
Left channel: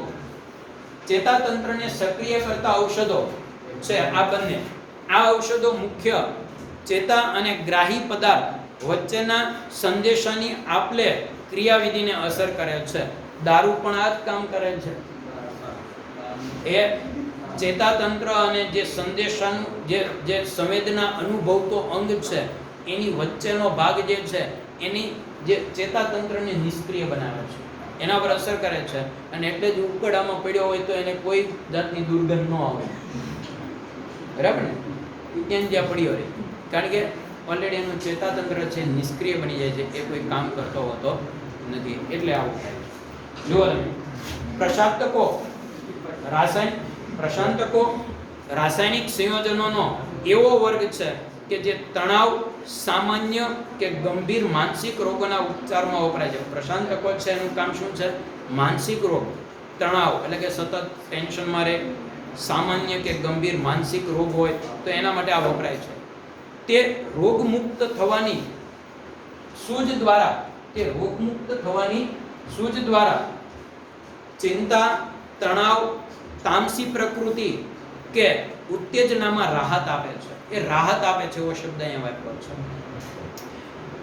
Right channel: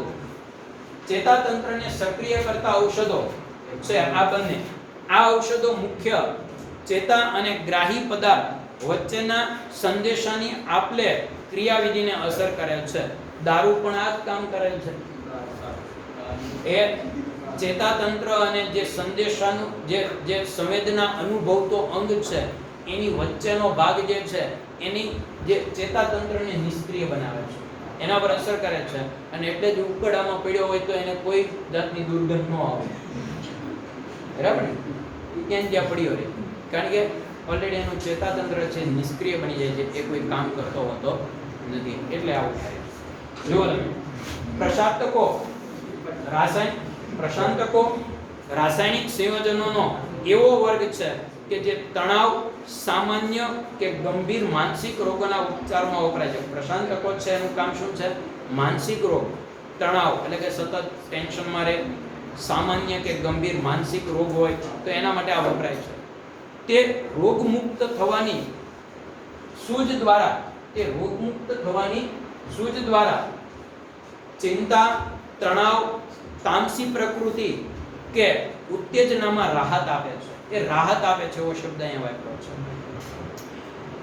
ચેતાતંત્રને સક્રિય કરતા ઔષધો છે આ બંને. આ ઔષધો મુખ્ય ચેતા અને ગ્રાહી પદાર્થ વચ્ચેના સંદેશાની આપલે ક્રિયાવિધિને અસર કરે છે. દારૂ પણ આ જ કામ કરે છે. એ ચેતાતંત્ર અને જે સંદેશાનું જે સંવેદના અનુભવતો અંગ છે એની વચ્ચેનો ભાગ જે છે એની જે ચેતાતંત્રને નિષ્ક્રિય બનાવે છે, એના પર અસર કરે છે. અને એટલે જ ઉકળામાં પડ્યો હોય તો એને કોઈ જાતની દુર્ગંધ ન આવે. બરાબર ને? ત્યાં જ્યાં પડ્યો રહે, કારણ કે ઓલરેડી એનું ચેતાતંત્ર છે નિષ્ક્રિય બની જાય છે, એ કોઈ કામ કરતો હોતો નથી. એટલે આવું થાય. જુઓ તમે, પ્રશાંતકો પ્રશાંતકો રાસાયણિક સંયોજનોનો એવો વર્ગ છે કે જે તણાવ, સામાન્ય કે ગંભીર માનસિક રોગોના ઉપચારમાં વપરાય છે. પ્રશાંતકો છે એનું કામ શું છે? માનસિક રોગ, તણાવ એટલે કે સતત ટેન્શનમાં રહે, સામાન્ય કે ગંભીર માનસિક રોગ હોય તો એના માટે આ વપરાય છે. તે રોગમુક્ત થવાની સૂઝ દ્વારા ચિંતા, તણાવ, તામસી પ્રકૃતિ કે ઉત્તેજનામાં રાહત આપે છે. એ રાહત આપે છે એવો શબ્દ અહીંયા વાપર્યો છે.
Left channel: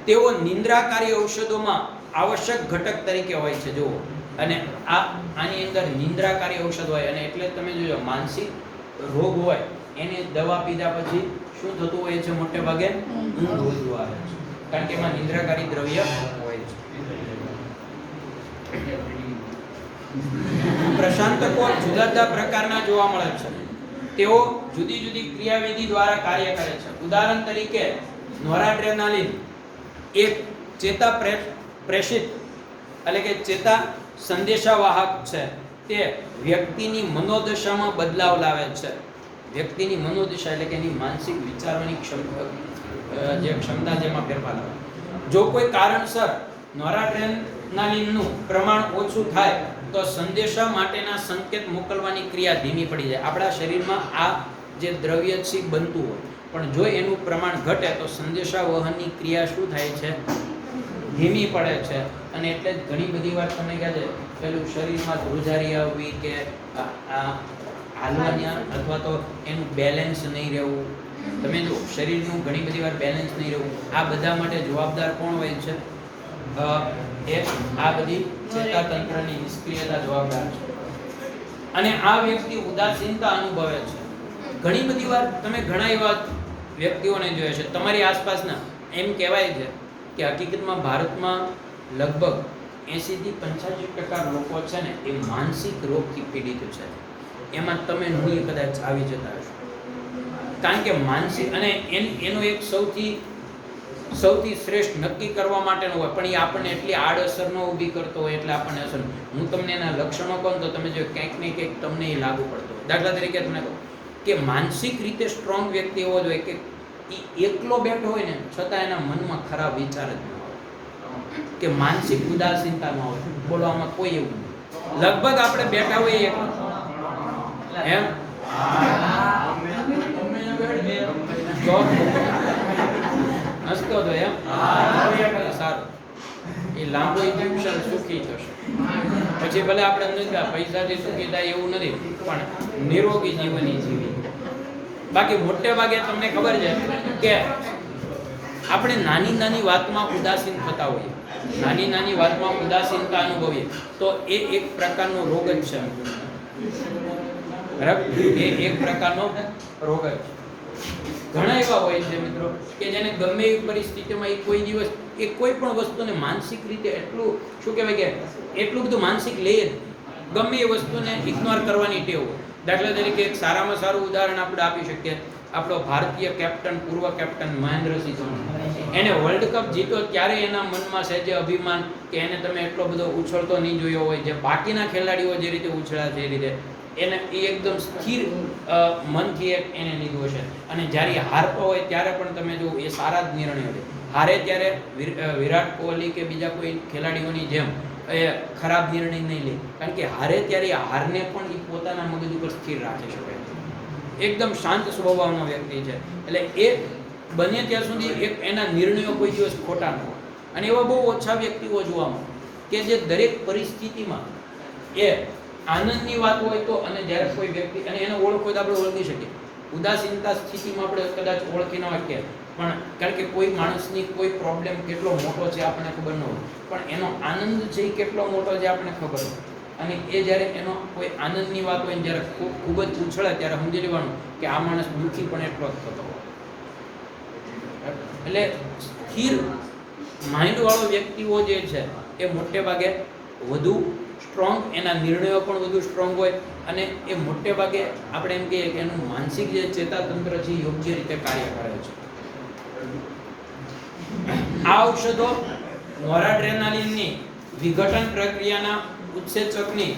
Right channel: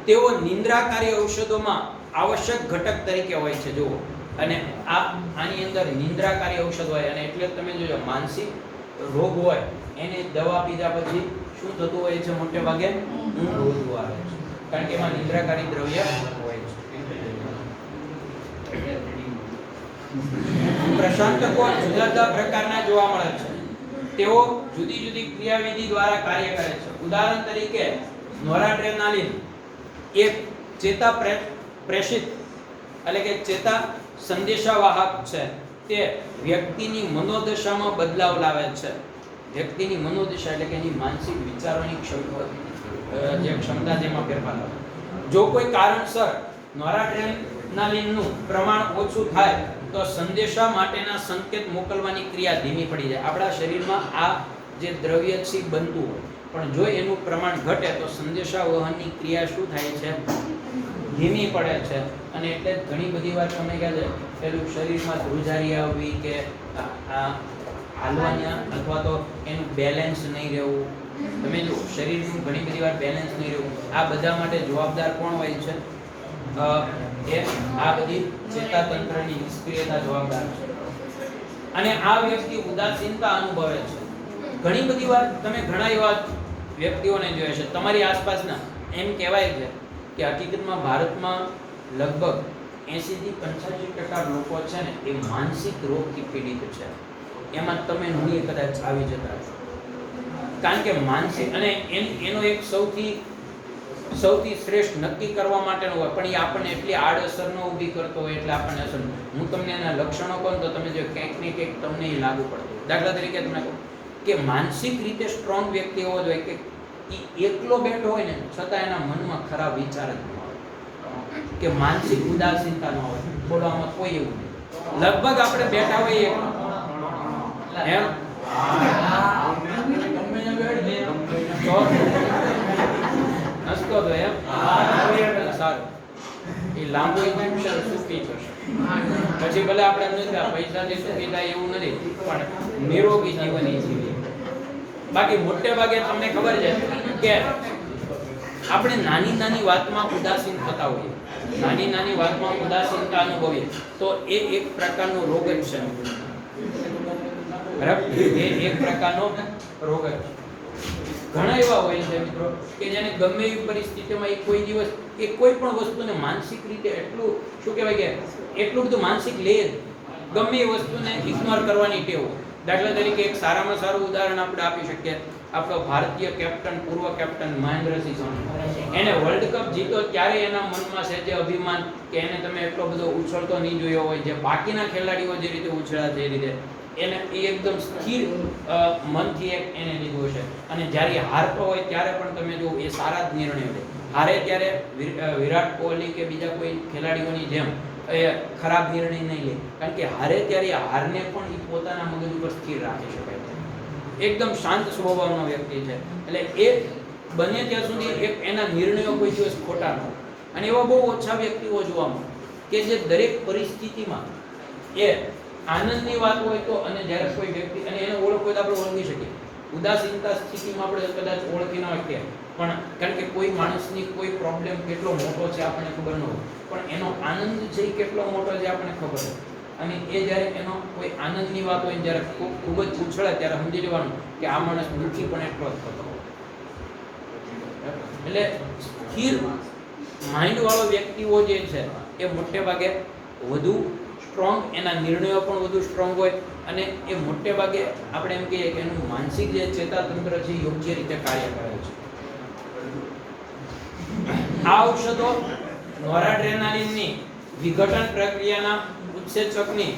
તેઓ નિંદ્રાકારી ઔષધોમાં આવશ્યક ઘટક તરીકે હોય છે. જુઓ, અને આની અંદર નિંદ્રાકારી ઔષધ હોય, અને એટલે તમે જોજો માનસિક રોગ હોય એને દવા પીધા પછી શું થતું હોય છે? મોટે ભાગે ઊંઘ વધુ આવે છે, કારણ કે એમાં નિંદ્રાકારી દ્રવ્ય હોય છે. પ્રશાંતકો જુદા જુદા પ્રકારના જોવા મળે છે. તેઓ જુદી જુદી ક્રિયાવિધિ દ્વારા કાર્ય કરે છે. ઉદાહરણ તરીકે નોરાડ્રેનાલિન એક ચેતા પ્રેષિત એટલે કે ચેતા સંદેશાવાહક છે. તે વ્યક્તિની મનોદશામાં બદલાવ લાવે છે. વ્યક્તિની મનોદશા એટલે કે એની માનસિક વિચારવાની ક્ષમતા જેમાં ફેરફાર લાવે. જો કોઈ કારણસર નોરાડ્રેનાલિનનું પ્રમાણ ઓછું થાય તો સંદેશા માટેના સંકેત મોકલવાની ક્રિયા ધીમી પડી જાય. આપણા શરીરમાં આ જે દ્રવ્ય છે બનતું હોય, પણ જો એનું પ્રમાણ ઘટે તો સંદેશા વહનની ક્રિયા શું થાય છે? ધીમી પડે છે. અને એટલે ઘણી બધી વાર તમે કહે છે પેલું શરીરમાં ધ્રુજારી આવવી કે હાલવાની અથવા તો એનું બેલેન્સ નહીં રહેવું. તમે જો શરીરનું ઘણી બધી વાર બેલેન્સ નહીં રહેવું, આ બધા માટે જવાબદાર કોણ હોય છે? આ બધી ચેતાતંત્રની નિષ્ક્રિયતા જવાબદાર છે. અને આ વ્યક્તિ ઉદાસીનતા અનુભવે છે. ઘણી બધી વાર તમે ઘણા એવા વ્યક્તિઓને જોયા છે તમારી આસપાસના. એમ કહેવાય છે કે હકીકતમાં ભારતમાં લગભગ 80 થી 85% લોકો છે ને એ માનસિક રોગથી પીડિત છે. એમાં તમે હું કદાચ આવી જતા હશો, કારણ કે માનસિક અને એનો એક સૌથી શ્રેષ્ઠ નક્કી કરવા માટેનો હોય, પણ એ આપણને એટલી આડઅસર ન ઊભી કરતો હોય એટલે આપણને અસર. હું તમને એના લક્ષણો કહું તો તમે જો ક્યાંક ને ક્યાંક તમને એ લાગુ પડતો હોય. દાખલા તરીકે તમને કહું કે માનસિક રીતે સ્ટ્રોંગ વ્યક્તિ એવો જોઈએ કે એ એકલો બેઠો હોય ને છતાં એના મનમાં ખરાબ વિચાર જ ન આવે, કે માનસિક ઉદાસીનતા ન હોય. બોલવામાં કોઈ એવું નહીં. લગભગ આપણે બેઠા હોઈએ એમ હસતો તો એમ સારું એ લાંબો સુખી થશે. પછી ભલે આપણે પૈસાથી સુખી થાય એવું નથી, પણ નિરોગી જીવન જીવી. બાકી મોટે ભાગે તમને ખબર છે કે આપણે નાની નાની વાતમાં ઉદાસીન થતા હોઈએ, નાની વાતમાં ઉદાસીનતા અનુભવીએ તો એ એક પ્રકારનો રોગ જ છે. બરાબર, એ એક પ્રકારનો રોગ જ છે. ઘણા એવા હોય છે મિત્રો કે જેને ગમે એવી પરિસ્થિતિમાં કોઈ દિવસ કોઈ પણ વસ્તુને માનસિક રીતે એટલું શું કહેવાય કે એટલું બધું માનસિક લે, ગમે એ વસ્તુને ઇગ્નોર કરવાની ટેવ. દાખલા તરીકે એક સારામાં સારું ઉદાહરણ આપણે આપી શકીએ. આપણો ભારતીય કેપ્ટન, પૂર્વ કેપ્ટન મહેન્દ્રસિંહ ધોની, એને વર્લ્ડ કપ જીત્યો ત્યારે એના મનમાં છે જે અભિમાન કે એને તમે એટલો બધો ઉછળતો નહીં જોયો હોય, જે બાકીના ખેલાડીઓ જે રીતે ઉછળ્યા છે એ રીતે એને એ એકદમ સ્થિર મનથી એને લીધું છે. અને જ્યારે એ હારતો હોય ત્યારે પણ તમે જો એ સારા જ નિર્ણયો લે. હારે ત્યારે વિરાટ કોહલી કે બીજા કોઈ ખેલાડીઓની જેમ એ ખરાબ નિર્ણય નહીં લે, કારણ કે હારે ત્યારે હારને પણ એ પોતાના મગજ ઉપર સ્થિર રાખી શકે છે. એકદમ શાંત સ્વભાવનો વ્યક્તિ છે. એટલે એ બને ત્યાં સુધી એક એના નિર્ણયો કોઈ દિવસ ખોટા ન હોય. અને એવા બહુ ઓછા વ્યક્તિઓ જોવા મળે કે જે દરેક પરિસ્થિતિમાં એ આનંદની વાત હોય તો, અને જ્યારે કોઈ વ્યક્તિ અને એને ઓળખ હોય તો આપણે ઓળખી શકીએ. ઉદાસીનતા સ્થિતિમાં આપણે કદાચ ઓળખી ન શકીએ, પણ કારણ કે કોઈ માણસની કોઈ પ્રોબ્લેમ કેટલો મોટો છે આપણને ખબર ન હોય, પણ એનો આનંદ છે એ કેટલો મોટો છે આપણને ખબર હોય. અને એ જ્યારે એનો કોઈ આનંદની વાત હોય, જ્યારે ખૂબ જ ઉછળે ત્યારે સમજી લેવાનું કે આ માણસ દુઃખી પણ એટલો જ થતો. એટલે સ્થિર માઇન્ડવાળો વ્યક્તિઓ જે છે એ મોટે ભાગે વધુ સ્ટ્રોંગ, એના નિર્ણયો પણ વધુ સ્ટ્રોંગ હોય, અને એ મોટે ભાગે આપણે એમ કહીએ કે એનું માનસિક જે ચેતાતંત્ર છે એ યોગ્ય રીતે કાર્ય કરે છે. આ ઔષધો નોરાડ્રેનાલિનની વિઘટન પ્રક્રિયાના ઉત્સેચકની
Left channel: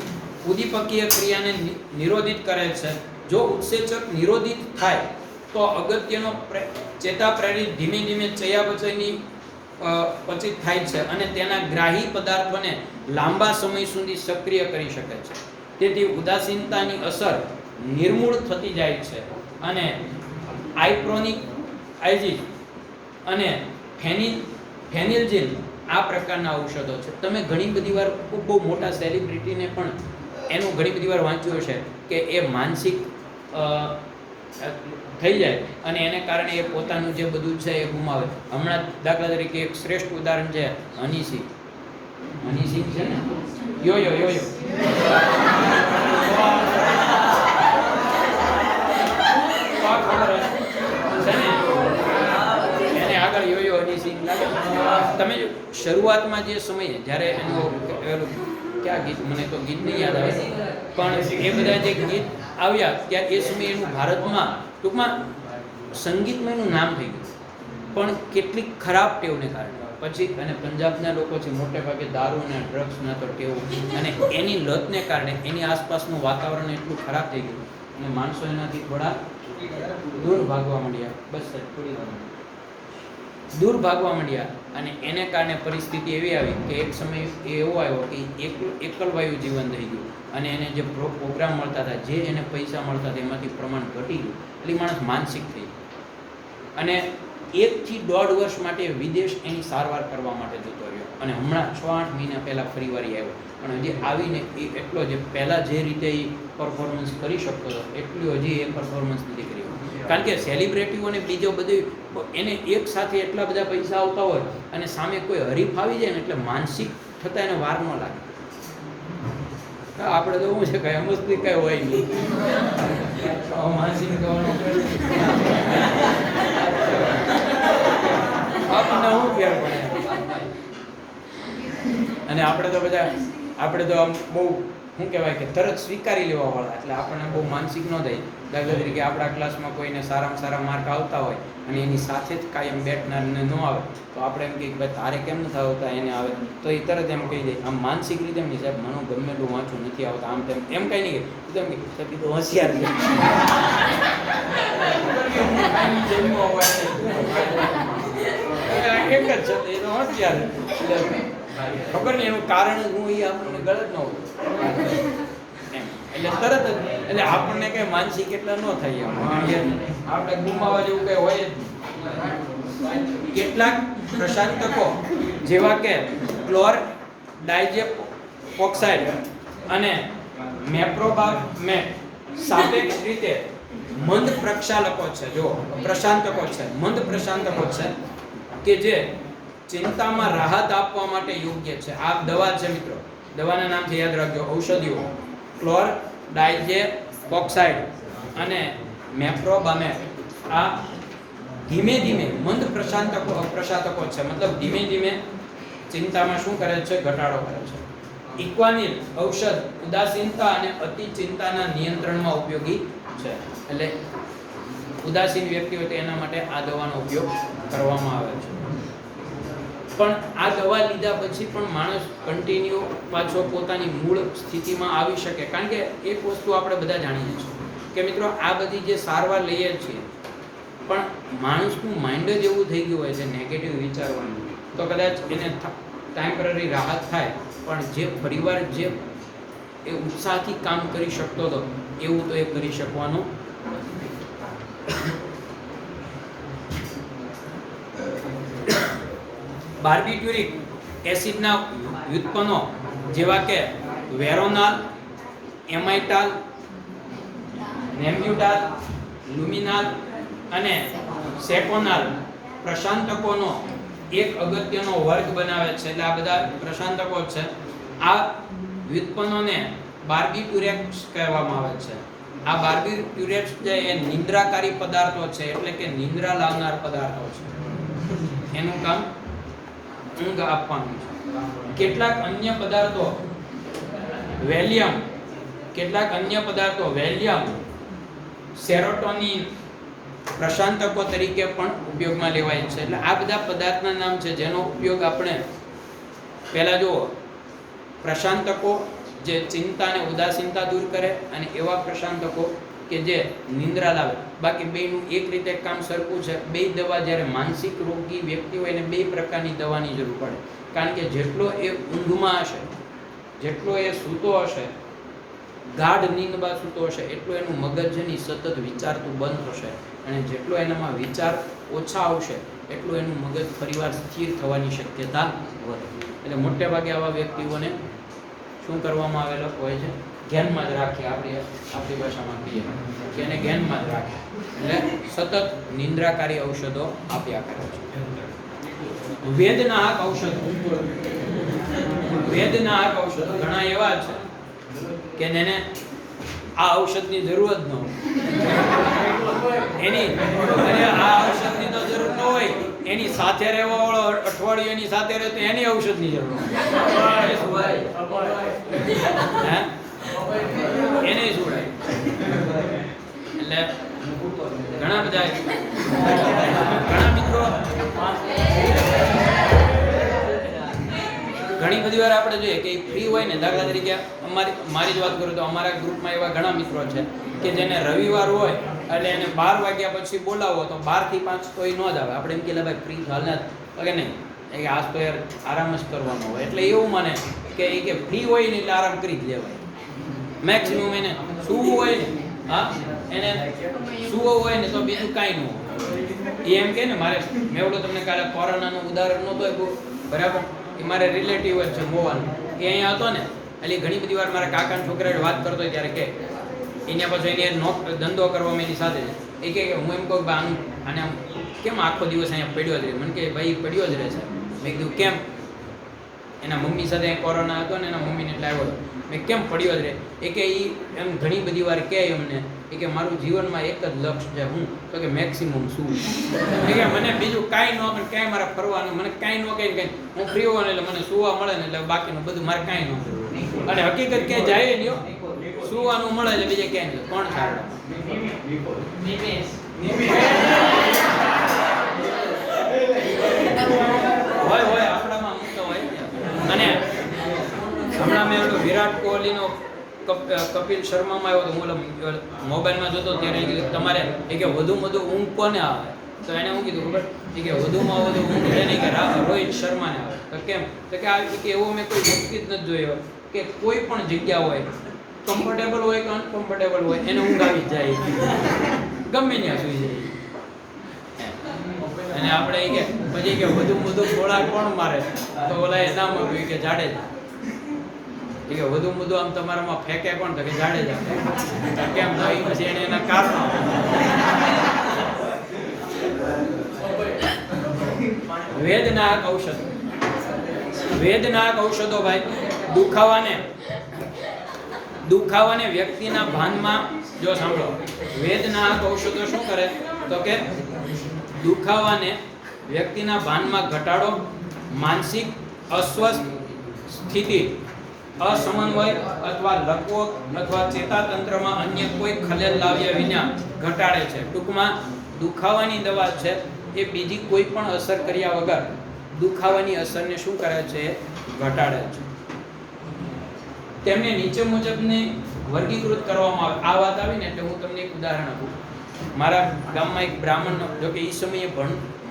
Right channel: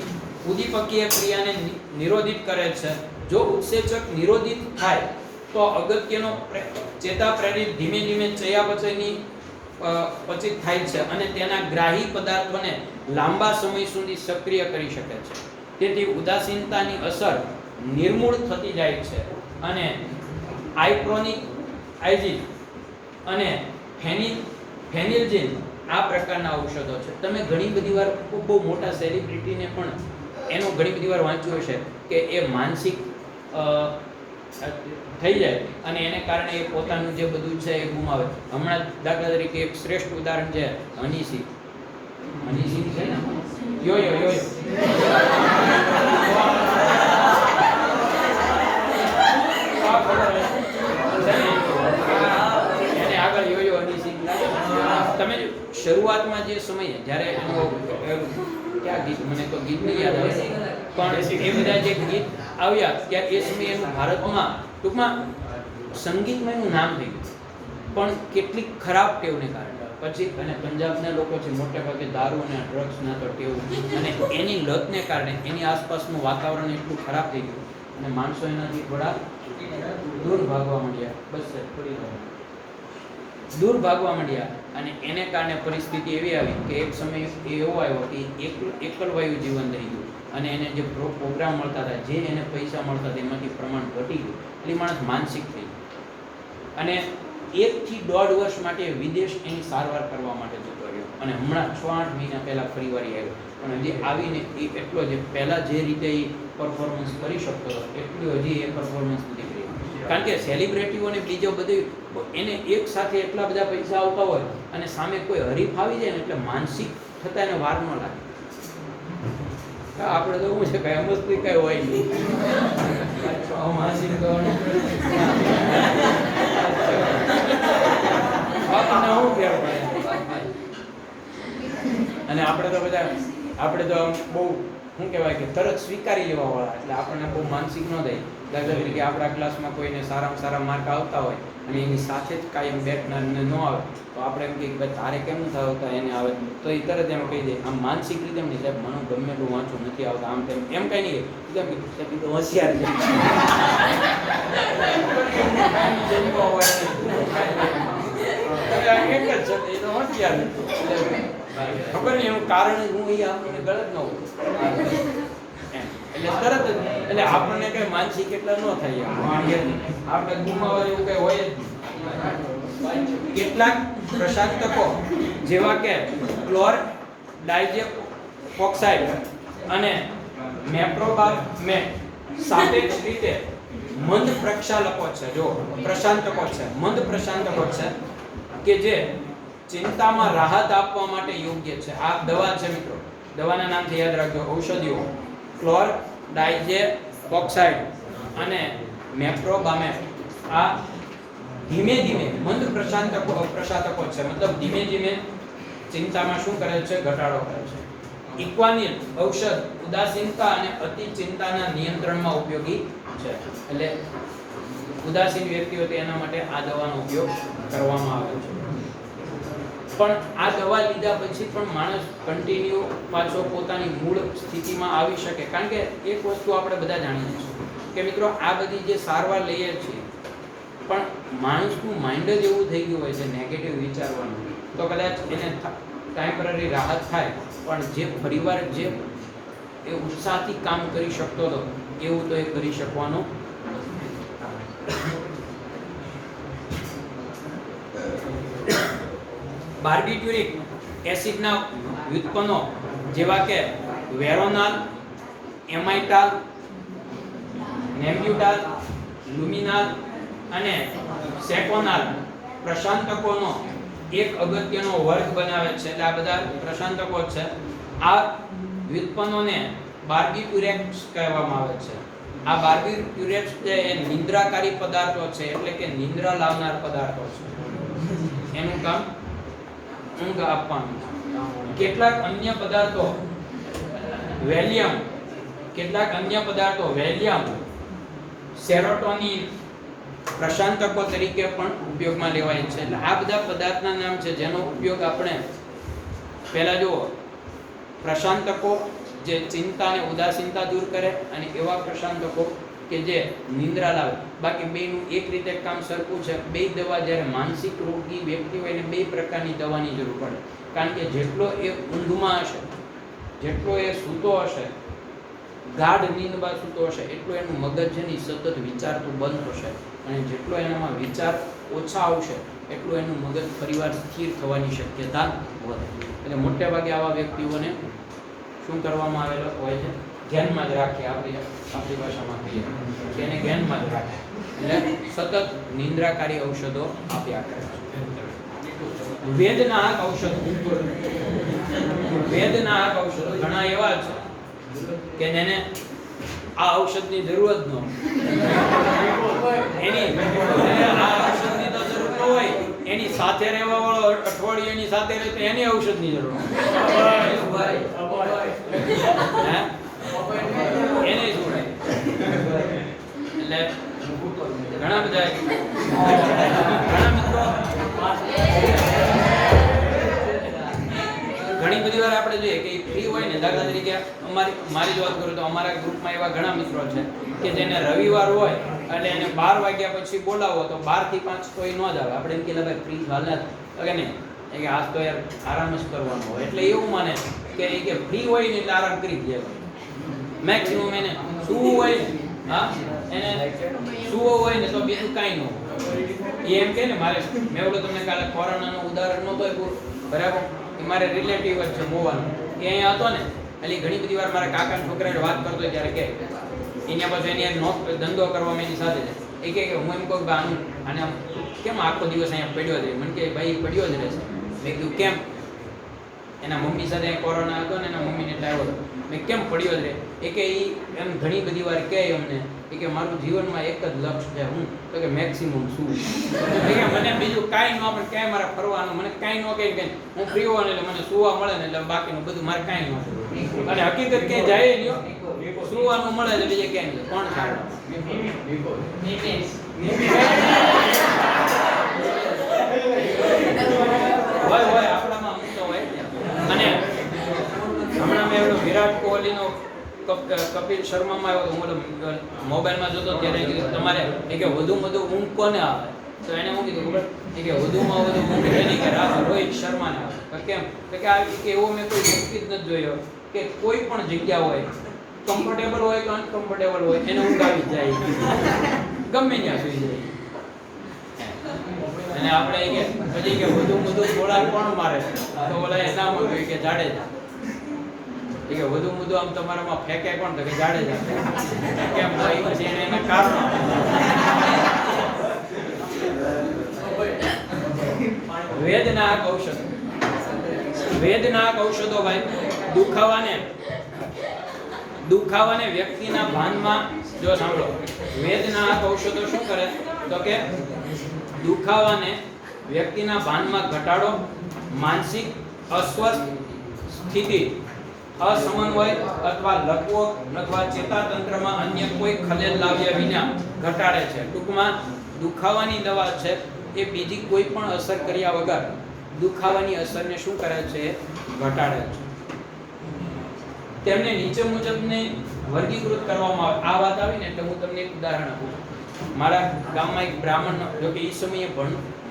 ઉદ્દીપકીય ક્રિયાને નિરોધિત કરે છે. જો ઉત્સેચક નિરોધિત થાય તો અગત્યનો ચેતા પ્રેરિત ધીમે ધીમે ચયાપચયની પચિત થાય છે અને તેના ગ્રાહી પદાર્થોને લાંબા સમય સુધી સક્રિય કરી શકે છે. તેથી ઉદાસીનતાની અસર નિર્મૂળ થતી જાય છે અને આઇક્રોનિક આઇઝિસ અને ફેનિલજિન આ પ્રકારના ઔષધો છે. તમે ઘણી બધી વાર ખૂબ બહુ મોટા સેલિબ્રિટીને પણ એનું ઘણી બધી વાર વાંચ્યું હશે કે એ માનસિક થઈ જાય અને એને કારણે એ પોતાનું જે બધું છે એ ગુમાવે. હમણાં દાખલા તરીકે એક શ્રેષ્ઠ ઉદાહરણ છે હની સિંહ. હની સિંહ છે ને, યોયો એને આગળ યોયો હની સિંહ. તમે શરૂઆતમાં જે સમયે જ્યારે એનો ક્યાં ગીત, મને કોઈ ગીત નહીં યાદ આવે, પણ એ બધા જે ગીત આવ્યા ત્યાં એ સમયે એનું ભારતમાં ટૂંકમાં સંગીતમાં એનું નામ થઈ ગયું, પણ કેટલીક ખરાબ ટેવને કારણે પછી, અને પંજાબના લોકો છે મોટે ભાગે દારૂ અને ડ્રગ્સના તો ટેવ, અને એની લતને કારણે એની આસપાસનું વાતાવરણ એટલું ખરાબ થઈ ગયું અને માણસો એનાથી થોડા દૂર ભાગવા માંડ્યા. બસ થોડી દૂર ભાગવા માંડ્યા અને એને કારણે પરિસ્થિતિ એવી આવી કે એક સમય એવો આવ્યો કે એકલવાયુ જીવન થઈ ગયું અને એને જે પ્રોગ્રામ મળતા હતા, જે એને પૈસા મળતા હતા એમાંથી પ્રમાણ ઘટી ગયું. એટલે માણસ માનસિક થઈ ગયો અને 1 થી 1.5 વર્ષ માટે વિદેશ એની સારવાર કરવા માટે જતો રહ્યો અને હમણાં 6-8 મહિના પહેલાં ફરી વારી આવ્યો. પણ હજી આવીને એ એટલો જે પહેલાં જે રીતે એ પરફોર્મન્સ કરી શકતો હતો એટલું હજી એ પરફોર્મન્સ નથી કરી. કારણ કે સેલિબ્રિટીઓને બીજો બધું એને એક સાથે એટલા બધા પૈસા આવતા હોય અને સામે કોઈ હરીફ આવી જાય ને એટલે માનસિક થતાં એને વાર ન લાગે. આપણે તો શું છે કઈ અમસ્તી કઈ હોય નહીં, માનસિક અને આપણે તો બધા બહુ શું કહેવાય કે તરત સ્વીકારી લેવાવાળા, એટલે આપણને બહુ માનસિક ન થાય. દાખલા તરીકે આપણા ક્લાસમાં કોઈને સારામાં સારા માર્ક આવતા હોય અને એની સાથે જ કાયમ બેઠનારને ન આવે તો આપણે એમ કહીએ ભાઈ તારે કેમ નથી આવતા, એને આવે તો એ તરત એમ કહી દે. આમ માનસિક રીતે નહીં સાહેબ, મને ગમે એટલું વાંચું નથી આવતા, આમ તેમ એમ કંઈ નહીં કીધું હોશિયાર છે. એક જ છે એનો હોશિયાર, ખબર નહીં એનું કારણ હું એ આપણને ગલત ન હોય એટલે તરત જ, એટલે આપણને કઈ માનસિક એટલા ન થાય, આપણે ગુમાવા જેવું કઈ હોય જ નહીં. કેટલાક પ્રશાંતકો જેવા કે ક્લોર ડાયઝેપોક્સાઇડ અને મેપ્રોબામેટ સાપેક્ષ રીતે મંદ પ્રક્ષાલકો છે. જો પ્રશાંતકો છે, મંદ પ્રશાંતકો છે કે જે ચિંતામાં રાહત આપવા માટે યોગ્ય છે. આ દવા છે મિત્રો, દવાના નામથી યાદ રાખજો. ઔષધિઓ ક્લોર ડાયઝેપોક્સાઇડ અને મેપ્રોબામેટ આ ધીમે ધીમે મંદ પ્રશાંતકો છે, મતલબ ધીમે ધીમે ચિંતામાં શું કરે છે, ઘટાડો કરે છે. ઇક્વાનિલ ઔષધ ઉદાસીનતા અને અતિ ચિંતાના નિયંત્રણમાં ઉપયોગી છે. એટલે ઉદાસીન વ્યક્તિ હોય તો એના માટે આ દવાનો ઉપયોગ કરવામાં આવે છે. પણ આ દવા લીધા પછી પણ માણસ કન્ટિન્યુ પાછો પોતાની મૂળ સ્થિતિમાં આવી શકે. કારણ કે એક વસ્તુ આપણે બધા જાણીએ છીએ કે મિત્રો આ બધી જે સારવાર લઈએ છીએ પણ માણસનું માઇન્ડ જ એવું થઈ ગયું હોય છે નેગેટિવ વિચારવાનું, તો કદાચ એને ટેમ્પરરી રાહત થાય પણ જે પરિવાર જે એ ઉત્સાહથી કામ કરી શકતો હતો એવું તો એ કરી શકવાનું. બાર્બિટ્યુરિક એસિડના વ્યુત્પન્નો જેવા કે વેરોનાલ, એમાઇટાલ, નેમ્બ્યુટાલ, લ્યુમિનાલ અને સેપોનાલ પ્રશાંતકોનો એક અગત્યનો વર્ગ બનાવે છે. એટલે આ બધા પ્રશાંતકો છે. આ વ્યુત્પન્નોને બાર્બિટ્યુરેટ્સ કહેવામાં આવે છે. આ બાર્બિટ્યુરેટ્સ જે એ નિંદ્રાકારી પદાર્થો છે, એટલે કે નિંદ્રા લાવનાર પદાર્થો છે. એનું કામ ઊંઘ આપવાનું. કેટલાક અન્ય પદાર્થો વેલિયમ, સેરોટોનિન પ્રશાંતકો તરીકે પણ ઉપયોગમાં લેવાય છે. એટલે આ બધા પદાર્થના નામ છે જેનો ઉપયોગ આપણે પહેલા જુઓ, પ્રશાંતકો જે ચિંતા અને ઉદાસીનતા દૂર કરે અને એવા પ્રશાંતકો કે જે નિંદ્રા લાવે. બાકી બેનું એક રીતે કામ સરખું છે. બે દવા જ્યારે માનસિક રોગી વ્યક્તિ હોય ને બે પ્રકારની દવાની જરૂર પડે. કારણ કે જેટલો એ ઊંઘમાં હશે, જેટલો એ સૂતો હશે, ગાઢ નીંદમાં સૂતો હશે, એટલું એનું મગજની સતત વિચારતું બંધ થશે અને જેટલો એનામાં વિચાર ઓછા આવશે એટલું એનું મગજ ફરીવાર સ્થિર થવાની શક્યતા વધે. એટલે મોટે ભાગે આવા વ્યક્તિઓને શું કરવામાં આવેલો હોય છે? ધ્યાનમાં જ રાખીએ, આપણી ભાષામાં કહીએ કે એને ધ્યાનમાં જ રાખે એટલે સતત નિંદ્રાકારી ઔષધો આપ્યા કરે છે. વેદનાહક ઔષધો ઘણા એવા છે કે એને આ ઔષધની જરૂર જ ન હોય. આ ઔષધની તો જરૂર ન હોય, એની સાથે રહેવા વાળો અઠવાડિયું એની સાથે રહે તો એની ઔષધની જરૂર એને શું એટલે ઘણા બધા મિત્રો ઘણી બધી વાર આપણે જોઈએ કે ફ્રી હોય ને, દાખલા તરીકે મારી જ વાત કરું તો અમારા ગ્રુપમાં એવા ઘણા મિત્રો છે કે જેને રવિવાર હોય એટલે એને 12 વાગ્યા પછી બોલાવો તો 12 થી 5 કોઈ ન જ આવે. આપણે એમ કે ભાઈ ફ્રી હાલત કે નહીં, કે આજ તો યાર આરામ જ કરવાનો હોય, એટલે એવું માને કે ફ્રી હોય ને એટલે આરામ કરી જ લેવાય. મેક્સિમમ એને સૂવું હોય ને, હા એને સૂવું હોય ને તો બીજું કાંઈ ન હોય. એ એમ કે ને મારે મેં ઓલો તમને કાલે કોરોનાનું ઉદાહરણ નહોતું આપ્યું બરાબર, એ મારે રિલેટિવ જ છે મોવાનો, એ અહીંયા હતો ને એટલે ઘણી બધી વાર મારા કાકાના છોકરાએ વાત કરતો હોય ત્યારે કે એના પછી એની ધંધો કરવામાં એની સાથે એ કે હું એમ કહું આનું અને કેમ આખો દિવસ અહીંયા પડ્યો જ રહે? મને કે ભાઈ પડ્યો જ રહેશે. મેં કીધું કેમ? એના મમ્મી સાથે કોરોના હતો ને એના મમ્મીને એટલે આવ્યો હતો. મેં કેમ પડ્યો જ રહે? એ કે એ એમ ઘણી બધી વાર કહે એમને એ કે મારું જીવનમાં એક જ લક્ષ્ય છે, હું તો કે મેક્સિમમ શું મને બીજું કાંઈ ન પણ ક્યાંય મારે ફરવાનું, મને કાંઈ ન કહે કંઈ હું ફ્રી હોઉં એટલે મને સુવા મળે ને એટલે બાકીનું બધું મારે કાંઈ ન થયું. અને હકીકત કે જાય લ્યો સુવાનું મળે છે બીજે ક્યાંય નહીં. કોણ સારું? હોય આપણામાં અમુક તો હોય. અને હમણાં મેં એવડો વિરાટ કોહલીનો કપિલ શર્મામાં આવ્યો તો હું મોબાઈલમાં જોતો ત્યારે તમારે એ કે વધુમાં વધુ ઊંઘ કોને આવે? તો એને શું કીધું ખબર? એ કે વધુમાં વધુ ઊંઘ એને કે રોહિત શર્માને આવે. તો કેમ? તો કે આ કે એવો મેં કોઈ વ્યક્તિ જ નથી જોયો કે કોઈ પણ જગ્યા હોય, કમ્ફર્ટેબલ હોય કે અનકમ્ફર્ટેબલ હોય, એને ઊંઘ આવી જાય, ગમે ત્યાં સુઈ જાય. અને આપણે કે પછી કે વધુ ગોળા કોણ મારે? તો ઓલા એ નામ આપ્યું કે જાડેજા. કે વધુ આમ તમારામાં ફેંકે કોણ? તો કે જાડેજા. કેમ હોય? પછી એને એના કારણો. વેદનાક ઔષધો ભાઈ દુખાવાને વ્યક્તિના ભાનમાં, જો સાંભળો, વેદનાક ઔષધો શું કરે તો કે દુખાવાને વ્યક્તિના ભાનમાં ઘટાડો, માનસિક અસ્વસ્થ સ્થિતિ અસમન્વય અથવા લકવો અથવા ચેતાતંત્રમાં અન્ય કોઈ ખલેલ લાવ્યા વિના ઘટાડે છે. ટૂંકમાં દુખાવાની દવા છે એ બીજી કોઈ પણ અસર કર્યા વગર દુખાવાની અસરને શું કરે છે? ઘટાડે છે. તેમને નીચે મુજબને વર્ગીકૃત કરવામાં આવે. આ વાત આવી ને એટલે હું તમને એક ઉદાહરણ આપું. મારા ગામમાં એક બ્રાહ્મણ, જો કે એ સમયે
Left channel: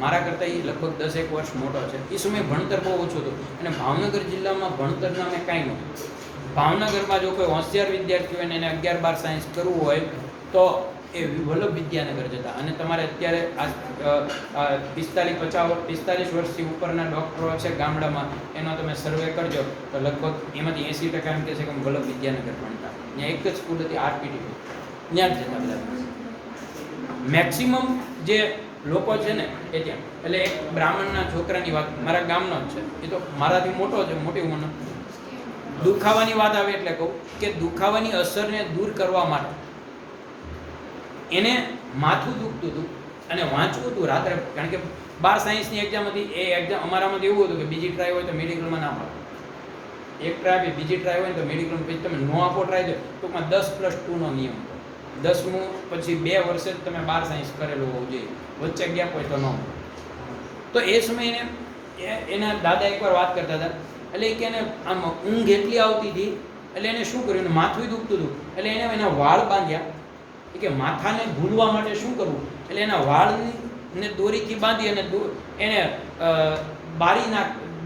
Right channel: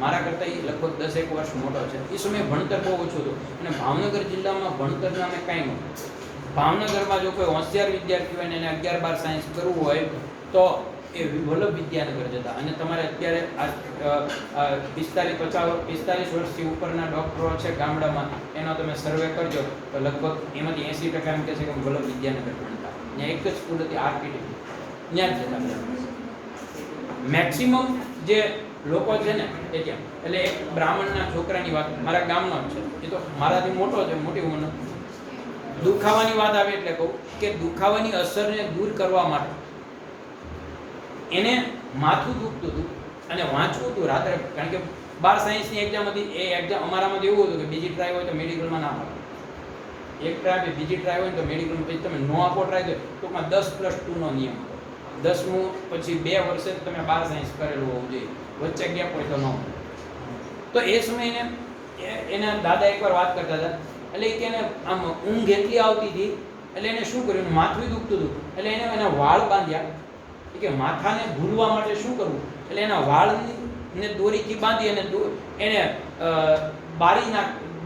મારા કરતાં એ લગભગ 10 વર્ષ મોટો છે. એ સમયે ભણતર બહુ ઓછું હતું અને ભાવનગર જિલ્લામાં ભણતરના અમે કાંઈ નહોતું. ભાવનગરમાં જો કોઈ હોશિયાર વિદ્યાર્થી હોય ને એને 11-12 સાયન્સ કરવું હોય તો એ વલ્લભ વિદ્યાનગર જતા. અને તમારે અત્યારે 45 વર્ષથી ઉપરના ડૉક્ટરો છે ગામડામાં, એનો તમે સર્વે કરજો તો લગભગ એમાંથી 80% એમ કહે છે કે વલ્લભ વિદ્યાનગર ભણતા. ત્યાં એક જ સ્કૂલ હતી આરપીટી, ત્યાં જ જતા. મેક્સિમમ જે લોકો છે ને એ ત્યાં. એટલે એક બ્રાહ્મણના છોકરાની વાત મારા ગામનો જ છે, એ તો મારાથી મોટો છે, મોટી ઉંમરનો. દુખાવાની વાત આવે એટલે કહું કે દુખાવાની અસરને દૂર કરવા માટે એને માથું દુખતું હતું અને વાંચવું હતું રાત્રે, કારણ કે 12 સાયન્સની એક્ઝામ હતી. એ એક્ઝામ અમારામાં એવું હતું કે બીજી ટ્રાય હોય તો મેડિકલમાં ના આપો, એક ટ્રાય બીજી ટ્રાય હોય તો મેડિકલમાં પછી તમે નો આપો ટ્રાય દો. ટૂંકમાં 10+2 નો નિયમ હતો. 10મું પછી 2 વર્ષે જ તમે 12 સાયન્સ કરેલું હોવું જોઈએ, વચ્ચે ગેપ હોય તો ન. તો એ સમયે એના દાદા એકવાર વાત કરતા હતા, એટલે કે એને આમ ઊંઘ એટલી આવતી હતી એટલે એને શું કર્યું, એને માથું દુખતું હતું એટલે એને એના વાળ બાંધ્યા. કે માથાને ભૂલવા માટે શું કરવું, એટલે એના વાળને દોરીથી બાંધી અને એને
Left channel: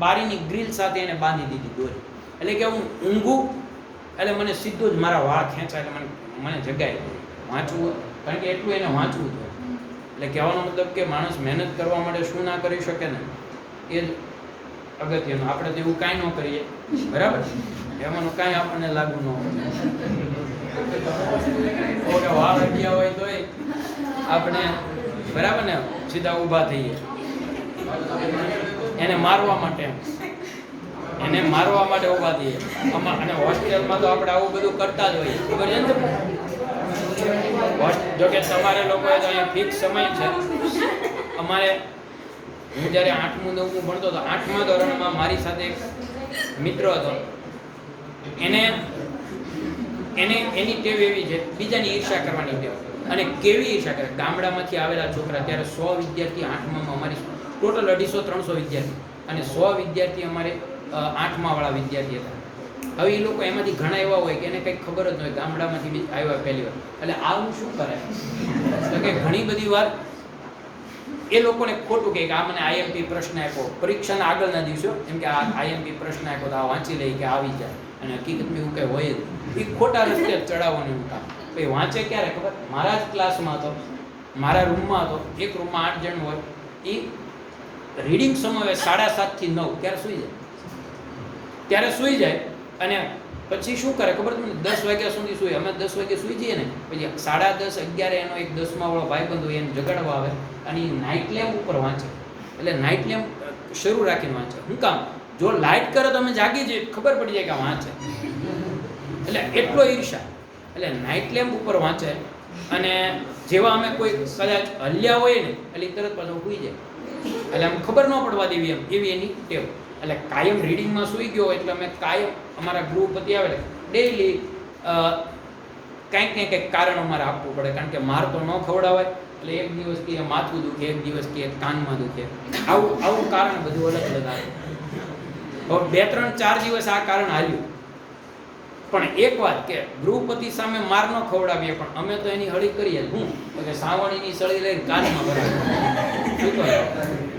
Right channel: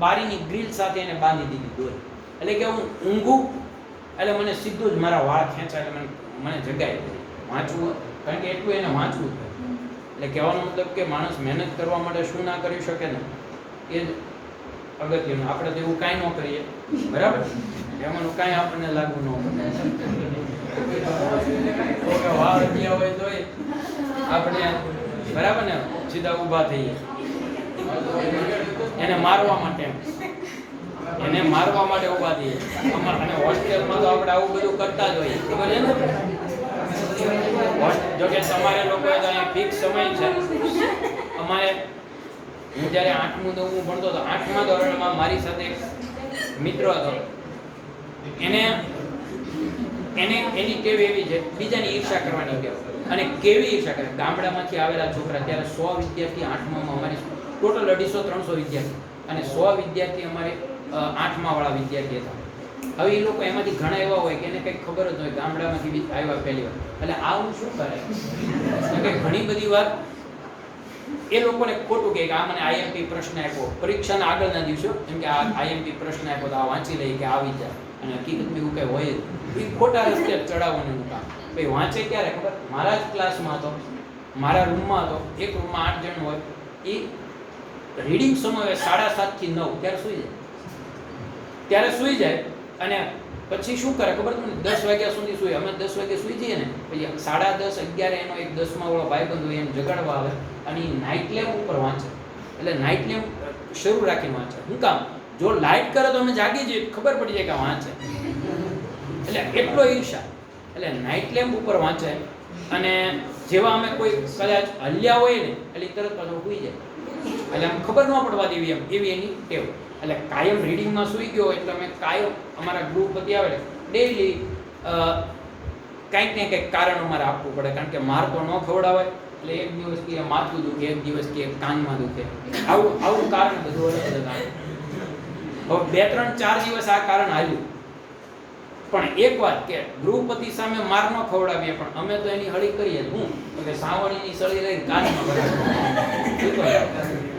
બારીની ગ્રીલ સાથે એને બાંધી દીધી દોરી. એટલે કે હું ઊંઘું એટલે મને સીધું જ મારા વાળ ખેંચાય એટલે મને જગાય વાંચવું, કારણ કે એટલું એને વાંચવું છે. એટલે કહેવાનો મતલબ કે માણસ મહેનત કરવા માટે શું ના કરી શકે ને એ જ અગત્યનું. આપણે તો એવું કાંઈ ન કરીએ, બરાબર, એમાં કાંઈ આપણને લાગુ ન પડે. વાળ અડ્યા હોય તો આપણે બરાબર ને સીધા ઊભા થઈએ એને મારવા માટે ઊભા થઈએ. અને હોસ્ટેલમાં તો આપણે આવું બધું કરતા જ હોઈએ, ખબર છે ને. જો કે તમારે લોકોએ તો અહીંયા ફિક્સ સમય છે. અમારે હું જ્યારે 8મું 9મું ભણતો હતો, 8મા ધોરણમાં મારી સાથે એક મિત્ર હતો. એની ટેવ એવી છે બીજાની ઈર્ષા કરવાની ટેવ. અને કેવી ઈર્ષા કરે, ગામડામાંથી આવેલા છોકરા, ત્યારે 100 વિદ્યાર્થી 8મામાં, અમારી ટોટલ 250-300 વિદ્યાર્થી અને 100 વિદ્યાર્થી અમારે 8મા વાળા વિદ્યાર્થી હતા. હવે એ લોકો એમાંથી ઘણા એવા હોય કે એને કંઈક ખબર જ ન હોય, ગામડામાંથી આવ્યા પહેલી વાર. એટલે આવું શું કરે કે ઘણી બધી વાર એ લોકોને ખોટું કે આ મને આઈએમપી પ્રશ્ન આપ્યો પરીક્ષાના આગળના દિવસો, એમ કે આ આઈએમપી પ્રશ્ન આપ્યો તો આ વાંચી લઈ કે આવી જાય, અને હકીકતમાં એવું કંઈ હોય જ એ ખોટા રસ્તે ચડાવવાનું કામ. એ વાંચે ક્યારે ખબર, મારા જ ક્લાસમાં હતો, મારા રૂમમાં હતો, એક રૂમમાં 8 જણ હોય. એ રીડિંગ સમય 7:30 થી 9 ત્યારે સૂઈ જાય અને પછી શું કરે ખબર તમને, 10 વાગ્યા સુધી સૂઈ. અમે 10 વાગે સૂઈ જઈએ ને, પછી 10:30 11 એનો એક 10મા વાળો ભાઈબંધ હોય એને જગાડવા આવે અને એ નાઇટ લેમ્પ ઉપર વાંચે. એટલે નાઇટ લેમ્પ શરૂ રાખીને વાંચે. શું કામ, જો લાઇટ કરે તો અમે જાગી જઈએ, ખબર પડી જાય કે વાંચે. એટલે એટલો ઈર્ષા. એટલે નાઇટ લેમ્પ ઉપર વાંચે અને જેવા અમે કોઈ કદાચ હલ્યા હોય ને એટલે તરત પાછો સૂઈ જાય. એટલે આમ ખબર ન પડવા દેવી એમ, એવી એની ટેવ. એટલે કાયમ રીડિંગમાં સૂઈ ગયો એટલે અમે કાયમ અમારા ગ્રુપ પતિ આવે ડેઈલી કંઈક ને કંઈક કારણ અમારે આપવું પડે, કારણ કે માર તો ન ખવડાવાય. એટલે એક દિવસ કે માથું દુખે, એક દિવસ કે કાનમાં દુખે, આવું કારણ બધું અલગ અલગ આવે. હવે 2 3 4 દિવસ આ કારણ આવ્યું. પણ એક વાત કે ગૃહપતિ સામે માર ન ખવડાવીએ પણ અમે તો એની હળી કરીએ. હું કે સાવણીની સળી લઈને કાનમાં ભરાવી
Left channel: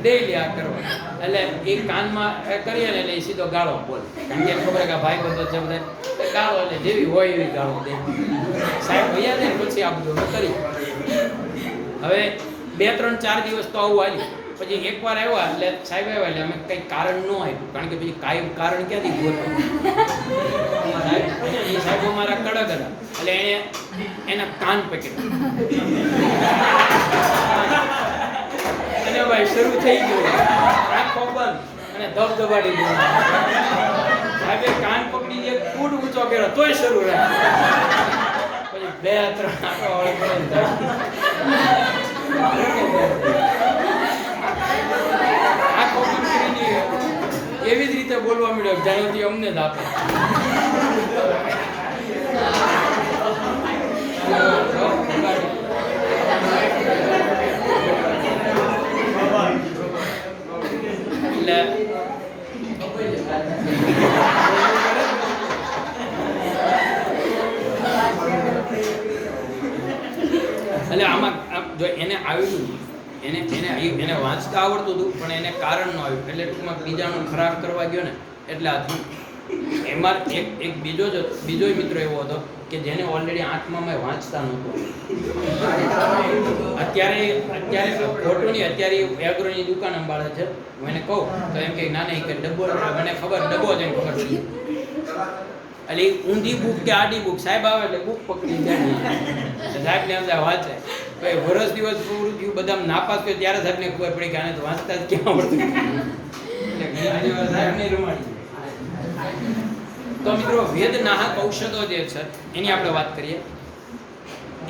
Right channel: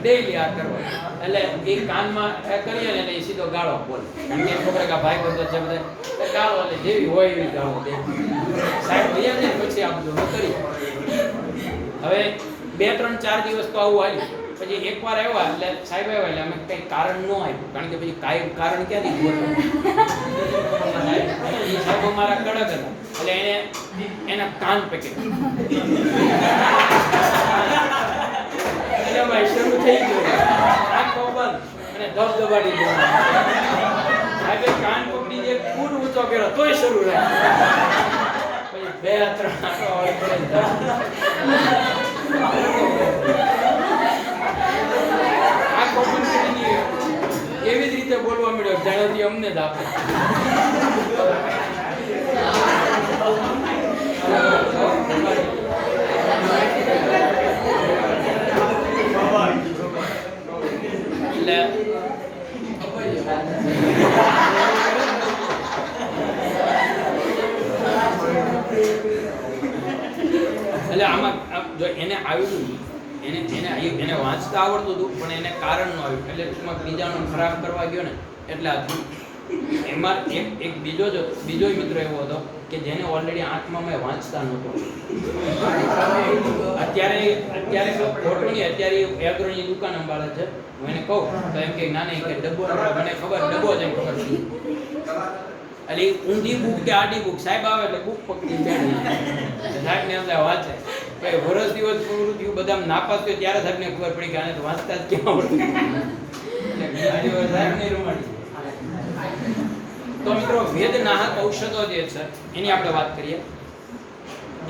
ડેઈલી આ કરવા. એટલે એ કાનમાં કરીએ ને એટલે એ સીધો ગાળો બોલે, કારણ કે ખબર કે ભાઈ બંધ છે બધે ગાળો, એટલે જેવી હોય એવી ગાળો દે. સાહેબ ભૈયા ને પછી આ બધું કરી. હવે 2 3 4 દિવસ તો આવું આવ્યું. પછી એકવાર આવ્યા એટલે સાહેબ આવ્યા એટલે અમે કંઈ કારણ ન આપ્યું, કારણ કે પછી કાંઈ કારણ ક્યાંથી ગયો. એ સાહેબ મારા કડક હતા એટલે એના કાન પકડ્યા. ભાઈ શરૂ થઈ ગયું, આંખો બંધ અને ધબધબાટી ગયો. સાહેબે કાન પકડી જે ફૂટ ઊંચો કર્યો તોય શરૂ રહ્યા. પછી 2 3 એવી જ રીતે બોલવા મળ્યો, જાણેથી અમને કોઈને જ આપો. એટલે આમાં જો એને આવ્યું એને વાંચતા આવડતું હતું પણ એને કારણ ન આવ્યું એટલે ટૂંકમાં બીજાનું ખરાબ કરવા ગયો ને એટલે આ થયું. એમાં એક બીજો મિત્ર એવો હતો કે જેને ઓલરેડી આંખમાં વાંચતા નહોતો. અત્યારે ખોટું નહીં, અત્યારે એગ્રોની દુકાન સંભાળે છે. હું એને કહું તો એમ કે ના નહીં કે ડબ્બો, મને ખબર ડબ્બો જ એમ ખબર પડી. એટલે ઊંધી બુક કે આડી બુક, સાહેબ આવે એટલે બુક પકડી બેઠી સાહેબને અંદર વાંચે. પછી વર્ષ દિવસ પૂરું થયું, બધા નાપાસ થયું ત્યારે સાહેબને ખબર પડી કે આને તો વાંચતા જ ક્યાં આવડતું. સાહેબને રૂમાડી. તો મિત્રો વેદનાહક ઔષધો જે છે એની આપણે વાત કરીએ.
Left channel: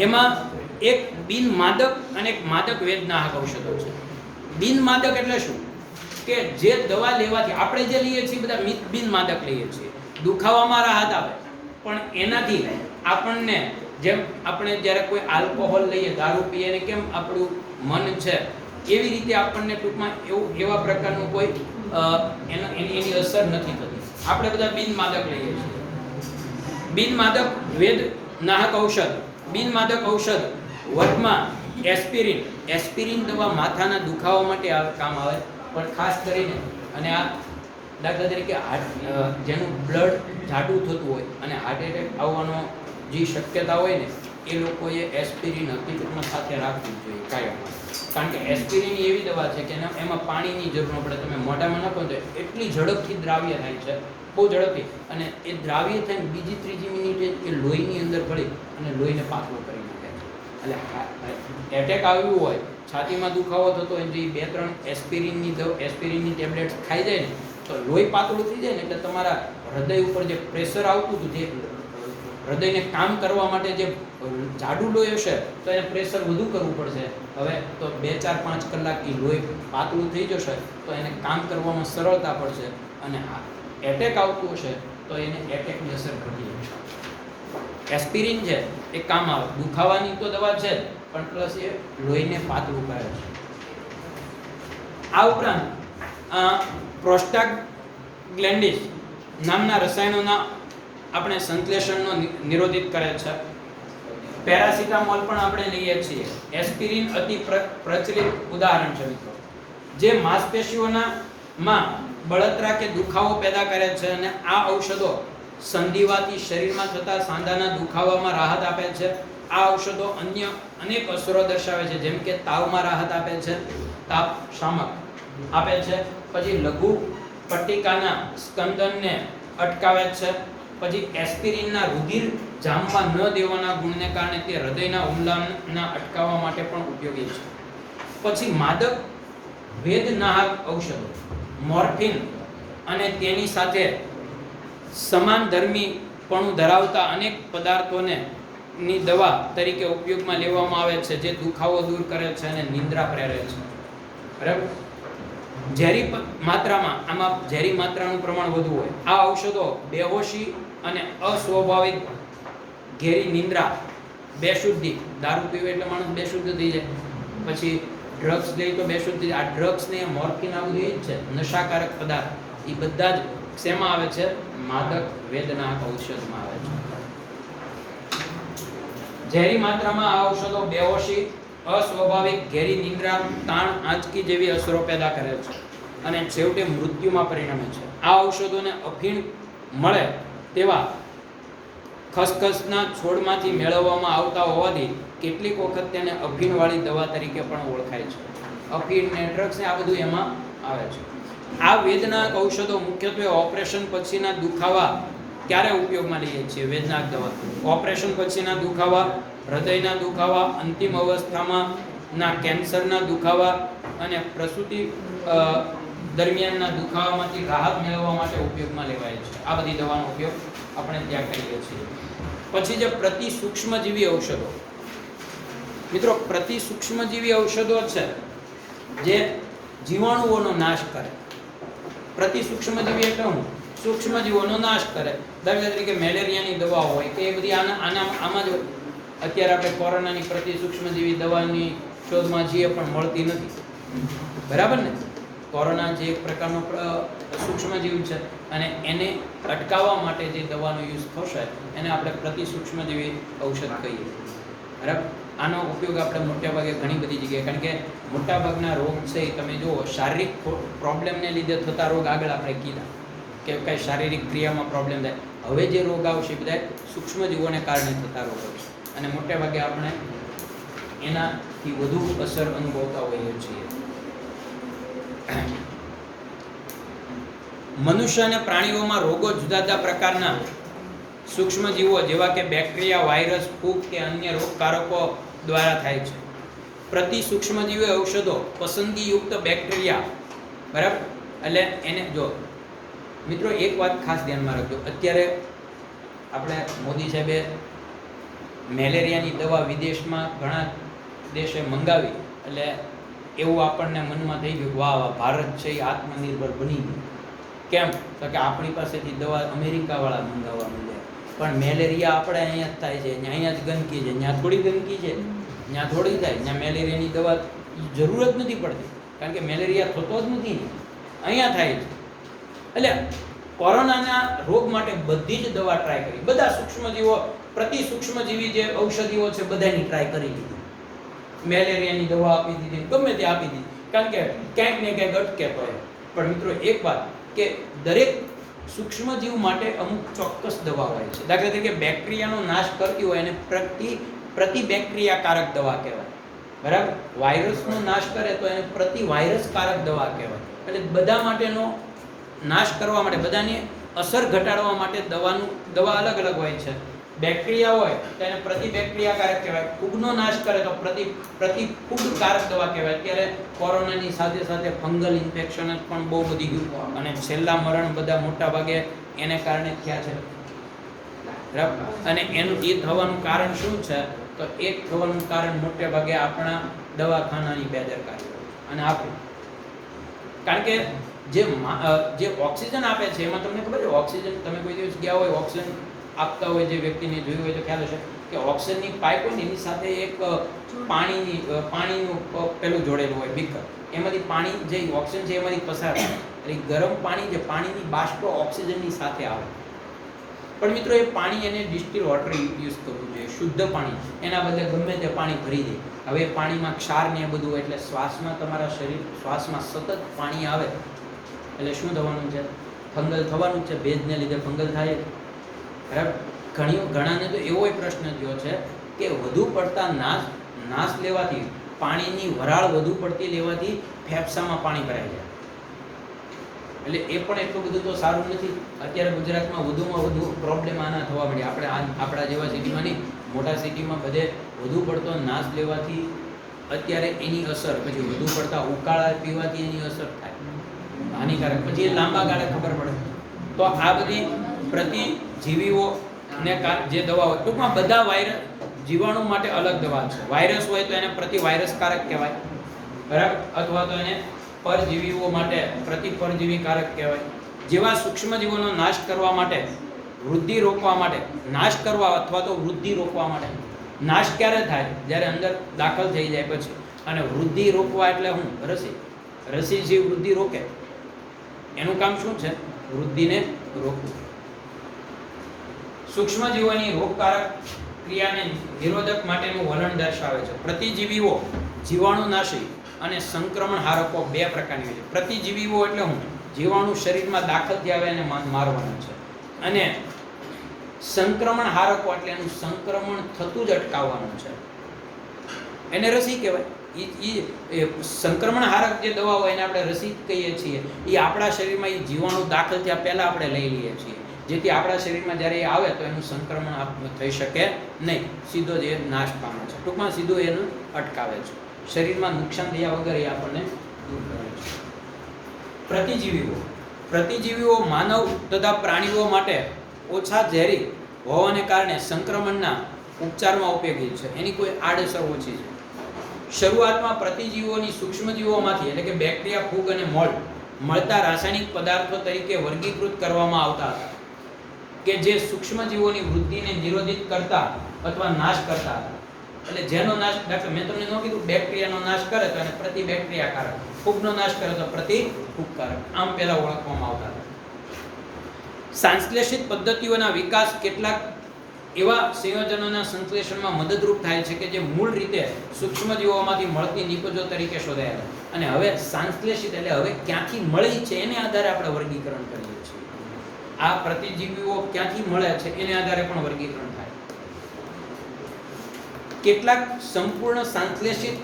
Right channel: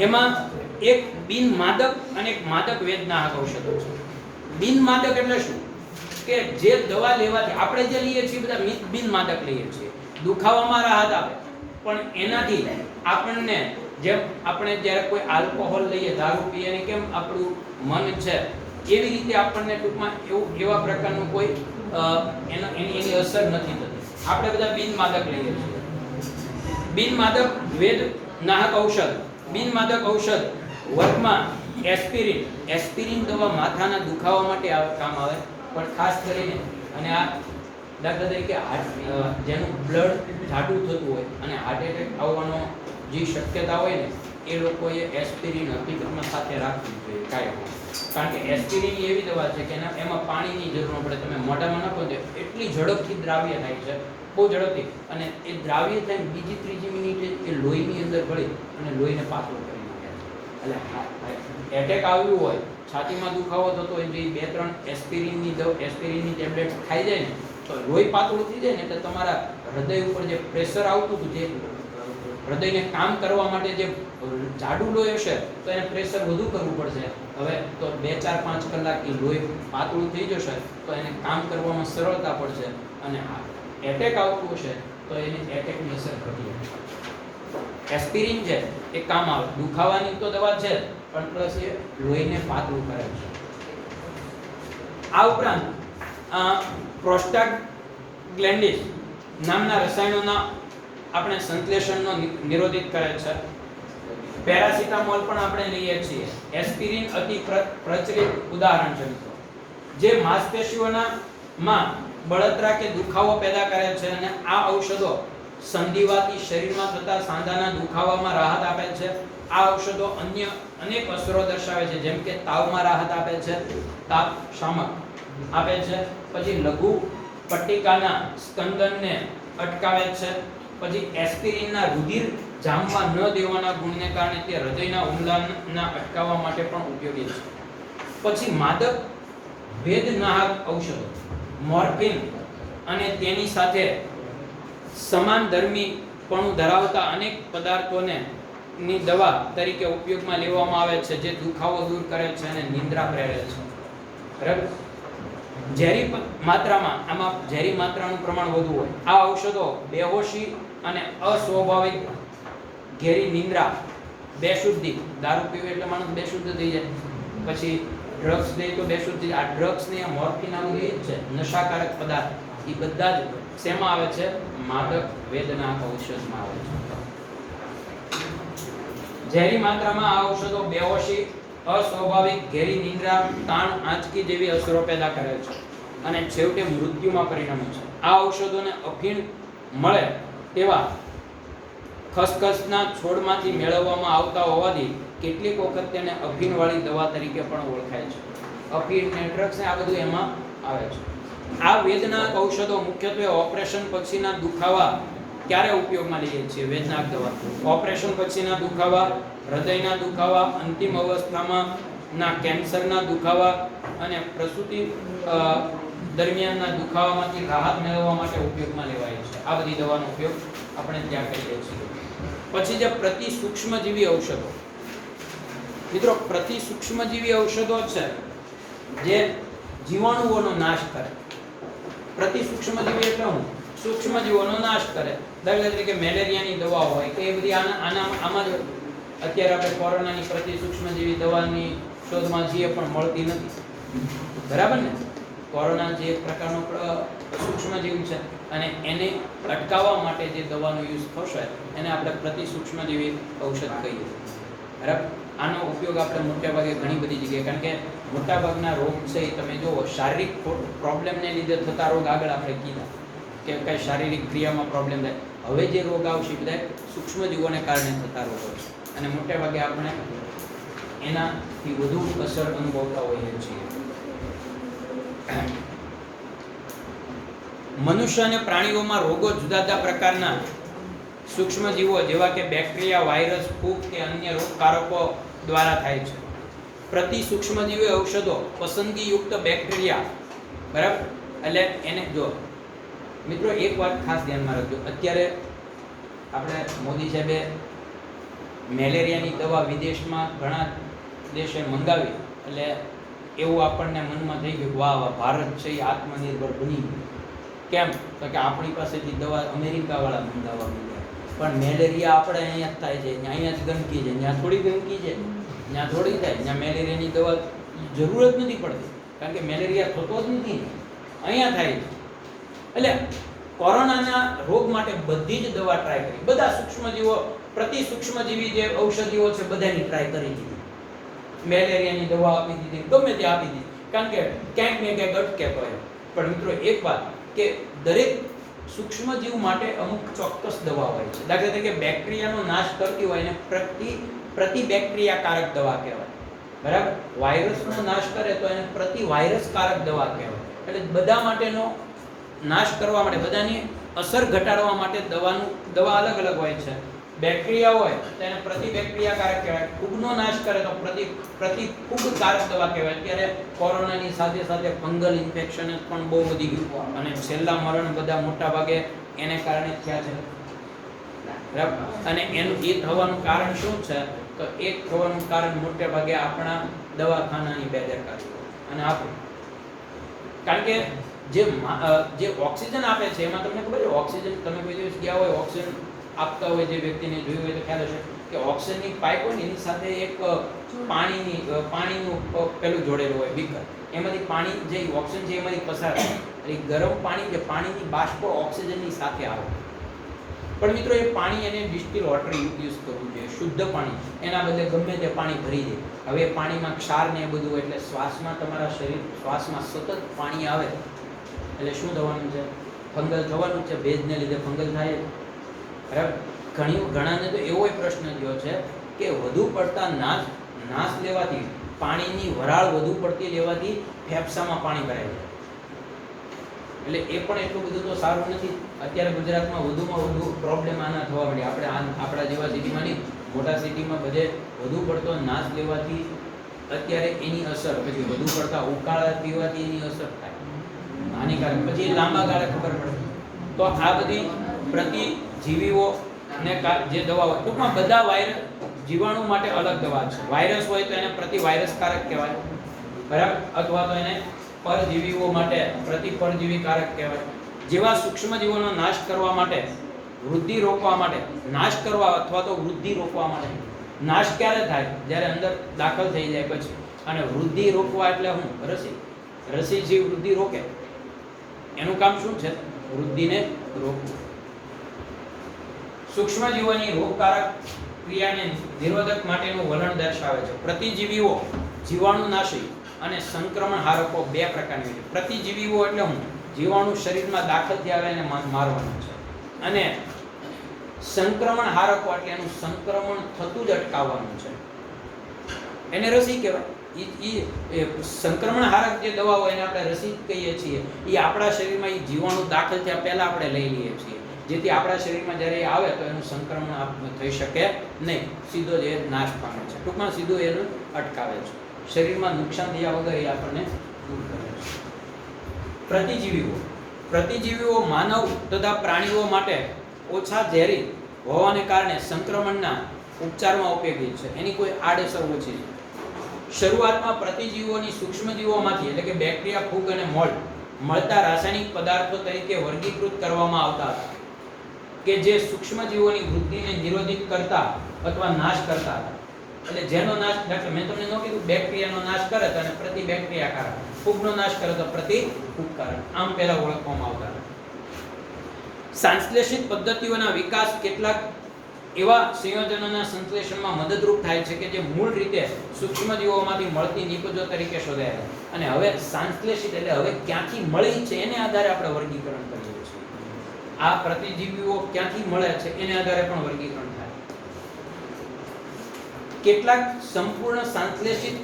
એમાં એક બિનમાદક અને એક માદક વેદનાહક ઔષધો છે. બિનમાદક એટલે શું? કે જે દવા લેવાથી આપણે જે લઈએ છીએ બધા બિનમાદક લઈએ છીએ. દુખાવામાં રાહત આપે પણ એનાથી આપણને, જેમ આપણે જ્યારે કોઈ આલ્કોહોલ લઈએ, દારૂ પીએ ને કેમ આપણું મન છે એવી રીતે આપણને ટૂંકમાં એવા પ્રકારનું કોઈ એની અસર નથી થતી. આપણે બધા બિનમાદક લઈએ છીએ. બિનમાદક વેદનાહક ઔષધ. બિનમાદક ઔષધ વર્ગમાં એસ્પિરિન દવા માથાના દુખાવા માટે કામ આવે, પણ ખાસ કરીને અને આ દાખલા તરીકે જેનું બ્લડ જાડું થતું હોય અને હાર્ટ એટેક આવવાનો જે શક્યતા હોય ને એ લોકોએ એસ્પિરિન હકીકતમાં સાથે રાખવી જોઈએ કાયમ. કારણ કે એસ્પિરિન એવી દવા છે કે એમાં પાણીની જરૂર ન પડે. તમે મોઢામાં નાખો તો એટલી ઝડપથી દ્રાવ્ય થાય છે, બહુ ઝડપથી, અને એ દ્રાવ્ય થઈને બીજી ત્રીજી મિનિટે એ લોહીની અંદર ભળી અને લોહીને પાતળું કરી નાખે છે. એટલે એટેક આવ્યું હોય, છાતીમાં દુખાવો થતો હોય, જે 2-3 એસ્પિરિનની ટેબ્લેટ ખાઈ જાય ને તો લોહી પાતળું થઈ જાય ને એટલે તમારા હૃદય ઉપર જે પ્રેશર આવતું હતું, જે હૃદયને કામ કરવા માટે જે જાડું લોહી હશે તો એને પ્રેશર વધુ કરવું પડશે. હવે તો 2-4-5 કલાક એ લોહી પાતળું થઈ જશે તો એને કામ કરવામાં સરળતા પડશે, અને એટેક આવતું હશે તો એને એટેકની અસર ઘટી જશે. એસ્પિરિન છે એ કામ આવે, દુખાવાની તો દવા છે પણ પ્લસ એ લોહીને પાતળું કરે છે. આ ઉપરાંત પ્રોસ્ટાગ્લેન્ડિસ નામના રસાયણોના આપણે સંશ્લેષણનો નિરોધિત કરે છે. પેરાસિટામોલ પણ આપણે લઈએ છીએ. એસ્પિરિન અતિ પ્રચલિત ઉદાહરણ છે. જે માંસપેશીઓમાં બળતરા કે દુખાવો પેદા કરે છે, અને આ ઔષધો સંધિવાથી શરીરમાં થતા સાંધાના દુખાવામાં રાહત આપે છે. આ ઔષધો અન્ય અનેક અસરો દર્શાવે છે, જેમ કે તાવમાં રાહત આપે છે, તાપ શામક આપે છે, પછી લઘુ પટ્ટિકાના સ્કંદનને અટકાવે છે, પછી એસ્પિરિનના રુધિર જામવા ન દેવાના ગુણને કારણે તે હૃદયના હુમલાના અટકાવવા માટે પણ ઉપયોગી છે. પછી માદક વેદનાહક ઔષધો મોર્ફિન અને તેની સાથે સમાન ધર્મીપણું ધરાવતા અનેક પદાર્થોને ની દવા તરીકે ઉપયોગમાં લેવામાં આવે છે, જે દુખાવો દૂર કરે છે અને નિંદ્રા પ્રેરે છે. બરાબર? ઝેરી માત્રામાં, આમાં ઝેરી માત્રાનું પ્રમાણ વધુ હોય. આ ઔષધો બેહોશી અને અસ્વાભાવિક ઘેરી નિંદ્રા, બેશુદ્ધિ, દારૂ પીવે એટલે માણસ બેશુદ્ધ થઈ જાય, પછી ડ્રગ્સ લઈ તો બેશુદ્ધ થઈ જાય. આ ડ્રગ્સ ને મોર્ફિન આ બધું એ જ છે, નશાકારક પદાર્થ. એ બધા જ શેમાં આવે છે? માદક વેદનાહક ઔષધમાં આવે છે. ઝેરી માત્રામાં આ ઔષધો બેહોશી, અસ્વાભાવિક ઘેરી નિંદ્રા, તાણ, આંચકી જેવી અસરો પેદા કરે છે અને છેવટે મૃત્યુમાં પરિણમે છે. આ ઔષધોને અફીણ મળે તેવા ખસખસના છોડમાંથી મેળવવામાં આવતા હોવાથી કેટલીક વખત તેને અફીણવાળી દવા તરીકે પણ ઓળખાય છે. અફીણ ને ડ્રગ્સ ને આ બધું એમાં આવે છે. આ વેદનાહક ઔષધો મુખ્યત્વે ઓપરેશન પછીના દુખાવા ક્યારે ઉપયોગમાં લઈએ છીએ? વેદનાહક દવા ઓપરેશન પછીના દુખાવા, હૃદયના દુખાવા, અંતિમ અવસ્થામાં ના કેન્સરના દુખાવા અને પ્રસૂતિ દરમિયાનના દુખાવામાંથી રાહત મેળવવા માટે ઉપયોગમાં લેવાય છે. આ બધી દવાનો ઉપયોગ આપણે ત્યાં કરીએ છીએ. પછી જે પ્રતિસૂક્ષ્મજીવી ઔષધો, મિત્રો પ્રતિસૂક્ષ્મજીવી ઔષધો છે જે જીવાણુઓનો નાશ કરે. પ્રતિસૂક્ષ્મજીવી એટલે શું? સૂક્ષ્મજીવોનો નાશ કરે. દાખલા તરીકે મેલેરિયાની દવા હોય કે એ બધી આમાં જ અત્યારે આપણે કોરોનાની પ્રતિ સૂક્ષ્મજીવી દવાની શોધમાં છીએ પણ મળતી નથી. બરાબર ને? કોરોના જે એક પ્રકારનો સૂક્ષ્મજીવ છે અને એને અટકાવવા માટે જે દવાનો યુઝ થશે એને આપણે પ્રતિ સૂક્ષ્મજીવી ઔષધ કહીએ. બરાબર? આનો ઉપયોગ આપણે મોટાભાગે ઘણી બધી જગ્યાએ, કારણ કે મોટાભાગના રોગ છે એ તમે જુઓ શારીરિક પ્રોબ્લેમને લીધે થતા રોગ આગળ આપણે કીધા કે કાંઈ શારીરિક ક્રિયામાં પ્રોબ્લેમ થાય. હવે જે રોગ આવશે બધા સૂક્ષ્મજીવોને કારણે થતા રોગો છે અને મોટાભાગે આપણે એનાથી વધુ અસર અનુભવતા હોઈએ છીએ. મનુષ્ય અને પ્રાણીઓમાં રોગો જુદા જુદા પ્રકારના સૂક્ષ્મજીવો જેવા કે બેક્ટેરિયા, વાયરસ, ફૂગ કે અન્ય રોગકારકો દ્વારા થાય છે. પ્રતિ સૂક્ષ્મજીવી ઔષધો પસંદગીયુક્ત બેક્ટેરિયા, બરાબર? એટલે એને જો મિત્રો એક વાત ખાસ ધ્યાનમાં રાખજો, અત્યારે આપણે મોદી સાહેબે મેલેરિયાની દવા વિદેશમાં ઘણા દેશે મંગાવી એટલે એવું આપણને મનમાં થઈ ગયું વાહ વાહ ભારત છે એ આત્મનિર્ભર બની ગયું. કેમ? તો કે આપણી પાસેથી દવા અમેરિકાવાળા મંગાવવા માંડ્યા. પણ મેલેરિયા આપણે અહીંયા જ થાય છે, અહીંયા જ ગંદકી છે, ત્યાં થોડી ગંદકી છે, ત્યાં થોડી થાય, ત્યાં મેલેરિયાની દવા જરૂર જ નથી પડતી, કારણ કે મેલેરિયા થતો જ નથી, અહીંયા થાય છે. એટલે કોરોનાના રોગ માટે બધી જ દવા ટ્રાય કરી, બધા સૂક્ષ્મજીવો પ્રતિ સૂક્ષ્મજીવી જે ઔષધિઓ છે બધાની ટ્રાય કરી દીધી. મેલેરિયાની દવા આપી દીધી, ગમે તે આપી દીધી, કારણ કે ક્યાંક ને ક્યાંક અટકે તો એ. પણ મિત્રો એક વાત કે દરેક સૂક્ષ્મજીવ માટે અમુક ચોક્કસ દવા હોય છે. દાખલા તરીકે બેક્ટેરિયાનો નાશ કરતી હોય એને પ્રતિ બેક્ટેરિયાકારક દવા કહેવાય. બરાબર? વાયરસનો નાશ કરે તો એને પ્રતિ વાયરસકારક દવા કહેવાય. એટલે બધા માટેનો નાશ કરવા માટે, બધાની અસર ઘટાડવા માટે દવા અલગ અલગ હોય છે. બેક્ટેરિયા હોય તો એને પ્રતિ બેક્ટેરિયાકારક કહેવાય. ફૂગનો નાશ કરે તો પ્રતિ ફૂગકારક દવા કહેવાય. અત્યારે કોરોનાની સાથે સાથે ફંગલ ઇન્ફેક્શન પણ બહુ વધી ગયું અને છેલ્લા મરણ બધા મોટા ભાગે એને કારણે થયા છે. બરાબર? અને એનું એ થવાનું કારણ શું છે? તો એક થવાનું કારણ મોટે ભાગે આપણા દવાખાનાની બેદરકારી અને આપણી, કારણ કે જે ઓક્સિજન આપે છે એમાં તમને ખબર છે, ઓક્સિજન તમે કોઈ દિવસ ગયા હોય, ઓક્સિજન આપતા હોય જે વ્યક્તિને જોયું હોય તો ખ્યાલ હશે કે ઓક્સિજનની પાઇપ હોય ને એની સાથે એક પાણીનું પેલું જોડેલું હોય બીકર, એમાંથી પાણી જે ઓક્સિજન છે એમાંથી પસાર થાય. એટલે ગરમ પાણી જે પાણીની બાષ્પ ઓક્સિજનની સાથે આવે. પણ મિત્રો એ પાણી એને ડિસ્ટિલ વોટર યુઝ કરવું જોઈએ, શુદ્ધ પાણી. એના બદલે ગમે તે પાણી ભરી દે. હવે પાણીમાં ક્ષાર ને એ બધું, એટલે શ્વાસમાં તમારા શ્વાસમાં સતત પાણી આવે એટલે શું થવાનું છે? ફંગલ થવાનું છે. ભેજને લીધે ફંગલ થાય. બરાબર? ઘણાને તો એવો પ્રશ્ન થયો છે કે વધુ પડતા નાશ લેવાથી, પાણીની વરાળ વધુ પડતી લેવાથી ફેફસામાં પાણી ભરાય જાય. એટલે એ પણ એટલું બધું તો સારું નથી. અત્યારે ગુજરાતમાં વધુમાં વધુ પ્રોબ્લેમ આના થવા મળ્યા. આપણા જેવા સિટીમાં નહીં, મોટા સિટીમાં બધે વધુ પડતો નાશ લેવાથી અત્યારે એની અસર, પછી વધુ પડતા ઉકાળા પીવાથી એની અસર થાય હાનિકારક, પછી લાંબા ગાળે ખબર પડે. તો આ બધી પ્રતિજીવીઓ ને જે દવા હોય, ટૂંકમાં બધા વાયરસ જીવાણુ માટે અલગ દવા છે. વાયરસ હોય તો એને પ્રતિ વાયરસકારક કહેવાય. બરાબર? અથવા તો એને પરજીવીઓ માટે પ્રતિ પરજીવીકારક કહેવાય. જેવા સૂક્ષ્મજીવોનો નાશ કરવા માટે, વૃદ્ધિ રોકવા માટે, નાશ કરવા અથવા તો વૃદ્ધિ રોકવા માટે. નાશ ક્યારે થાય? જ્યારે અંદર દાખલ થઈ જાય પછી. અને વૃદ્ધિ રોકવા એટલે હું? રસી જે વૃદ્ધિ રોકે એનું કામ શું છે? વૃદ્ધિને રોકવું. સૂક્ષ્મજીવોની રોગકારક ક્રિયાને નિરોધક માટેનું વલણ દર્શાવે છે. પ્રતિજીવીઓ જીવાણુનાશી અને સંક્રમણ હારકો બે પ્રકારની હોય છે. પ્રતિજીવીઓ એટલે હું? જીવાણુ શરીરમાં દાખલ થયા એને મારવાના છે. અને સંક્રમણ હારકો એટલે એનું સંક્રમણ થતું જ અટકાવવાનું છે. એને રસી કહેવાય. એ સંક્રમણ હારક જે દવા હોય એને આપણે રસી કહીએ છીએ. એ આપણા શરીરમાં એ જીવાણુ દાખલ થયા પહેલા આપણે લઈ લઈએ છીએ, જેથી આપણા શરીરમાં જ્યારે એ આવે તો એનું સંક્રમણ થઈ શકે નહીં, સીધો જ એ નાશ પામે છે. ટૂંકમાં સીધું એનું અટકાવે છે. શરીરમાં નુકસાન થયા વગર એ આપણને દૂર કરે છે. પ્રતિજીવીઓ માનવ તથા પ્રાણીઓ માટે ઓછા ઝેરી હોવાને કારણે સંક્રમણના ઉપચારમાં ઉપયોગી છે. એની કોઈ આડઅસર ઓછી છે. શરૂઆતમાં પ્રતિજીવોની સૂક્ષ્મજીવોમાંથી, એટલે કે બેક્ટેરિયા, ફૂગ અને મોલ્ડ મળતા રાસાયણિક પદાર્થો તરીકે વર્ગીકૃત કરવામાં આવતા હતા કે જે સૂક્ષ્મજીવોની વૃદ્ધિને નિરોધિત કરતા અથવા નાશ કરતા હતા. એટલે જેનો નાશ, દાખલા મેં તમને ન કીધું બેક્ટેરિયાનો નાશ કરે તો એને પ્રતિબેક્ટેરિયાકારક, ફૂગનો નાશ કરે તો પ્રતિફૂગકારક, આમ પહેલા ઓળખવામાં આવતા હતા. સંશ્લેષિત પદ્ધતિઓના વિકાસ કેટલાક એવા સંયોજનોના સંશ્લેષણમાં મદદરૂપ થાય છે કે જે મૂળ રીતે સૂક્ષ્મજીવોમાંથી મળતી નિપજો તરીકે શોધાયેલા. અને હવે સંશ્લેષિત એટલે હવે ક્યાંથી મળી છે એને આધારે આપણે વર્ગીકરણ કરીએ છીએ. આ પ્રતિજીવીઓ ક્યાંથી મળે છે એને આધારે પણ વર્ગીકરણ થાય. કેટલાક સંપૂર્ણ સંશ્લેષિત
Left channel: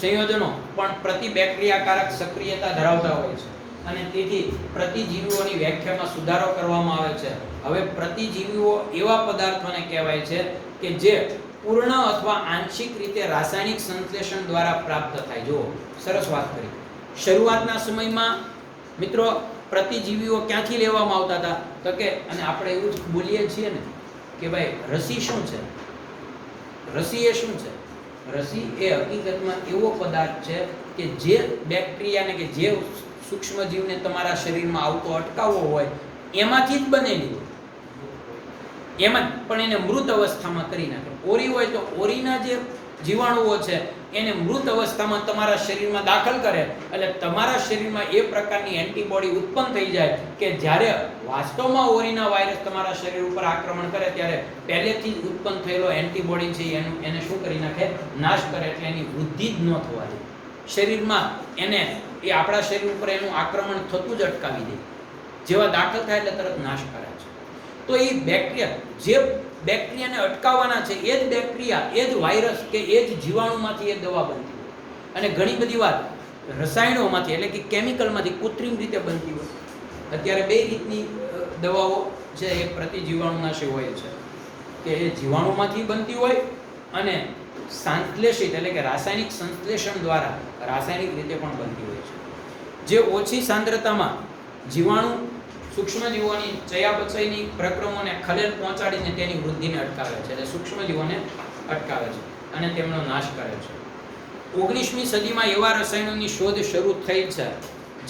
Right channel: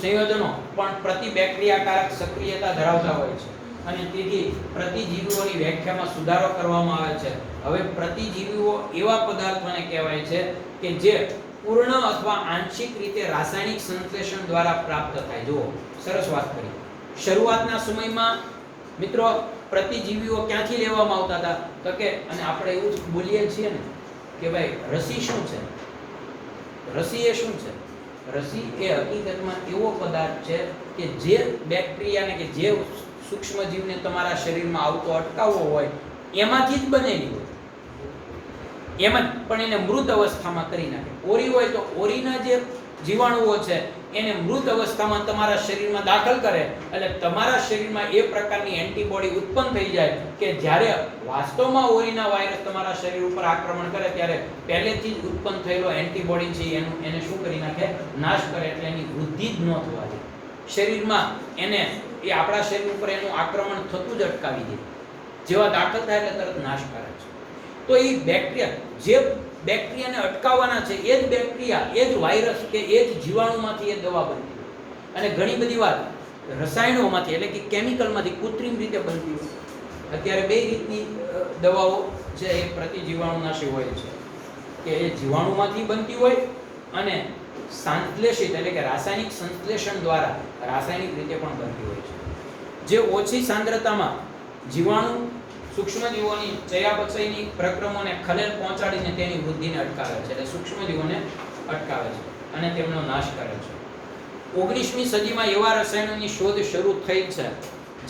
સંયોજનો પણ પ્રતિબેક્ટેરિયાકારક સક્રિયતા ધરાવતા હોય છે અને તેથી પ્રતિજીવીઓની વ્યાખ્યામાં સુધારો કરવામાં આવે છે. હવે પ્રતિજીવીઓ એવા પદાર્થોને કહેવાય છે કે જે પૂર્ણ અથવા આંશિક રીતે રાસાયણિક સંશ્લેષણ દ્વારા પ્રાપ્ત થાય. જુઓ, સરસ વાત કરી. શરૂઆતના સમયમાં મિત્રો પ્રતિજીવીઓ ક્યાંથી લેવામાં આવતા હતા? તો કે, અને આપણે એવું જ બોલીએ છીએ ને કે ભાઈ રસી શું છે? રસી એ શું છે? રસી એ હકીકતમાં એવો પદાર્થ છે કે જે બેક્ટેરિયાને કે જે સૂક્ષ્મજીવને તમારા શરીરમાં આવતો અટકાવવો હોય એમાંથી જ બનેલી હોય. એમાં પણ એને મૃત અવસ્થામાં કરી નાખે. ઓરી હોય તો ઓરીના જે જીવાણુઓ છે એને મૃત અવસ્થામાં તમારા શરીરમાં દાખલ કરે એટલે તમારા શરીરમાં એ પ્રકારની એન્ટીબોડી ઉત્પન્ન થઈ જાય કે જ્યારે વાસ્તવમાં ઓરીના વાયરસ તમારા શરીર ઉપર આક્રમણ કરે ત્યારે પહેલેથી જ ઉત્પન્ન થયેલો એન્ટીબોડી છે એને શું કરી નાખે? નાશ કરે. એટલે એની વૃદ્ધિ જ ન થવા દે શરીરમાં. એને એ આપણા શરીર ઉપર એનું આક્રમણ થતું જ અટકાવી દે. જેવા દાખલ થાય એટલે તરત નાશ કરે છે. તો એ બેક્ટેરિયા, જે બેક્ટેરિયાને અટકાવવાના છે એ જ બેક્ટેરિયા, એ જ વાયરસ કે એ જ જીવાણુમાંથી એ દવા બનતી હોય. અને ઘણી બધી વાર રસાયણોમાંથી એટલે કે કેમિકલમાંથી કૃત્રિમ રીતે બનતી હોય. અત્યારે બે રીતની દવાઓ છે એ પ્રતિજીવાણુનાશી હોય છે કે એ જીવાણુમાંથી બનતી હોય અને સંશ્લેષિત એટલે કે રાસાયણિક સંશ્લેષણ દ્વારા રાસાયણિક રીતે પણ બનતી હોય છે. જે ઓછી સાંદ્રતામાં જીવાણુ સૂક્ષ્મજીવોની ચયાપચયની પ્રક્રિયાઓને ખલેલ પહોંચાડીને તેની વૃદ્ધિને અટકાવે છે. એટલે સૂક્ષ્મજીવોને અટકાવે છે અને તેમનો નાશ કરે છે. 19મી સદીમાં એવા રસાયણોની શોધ શરૂ થઈ છે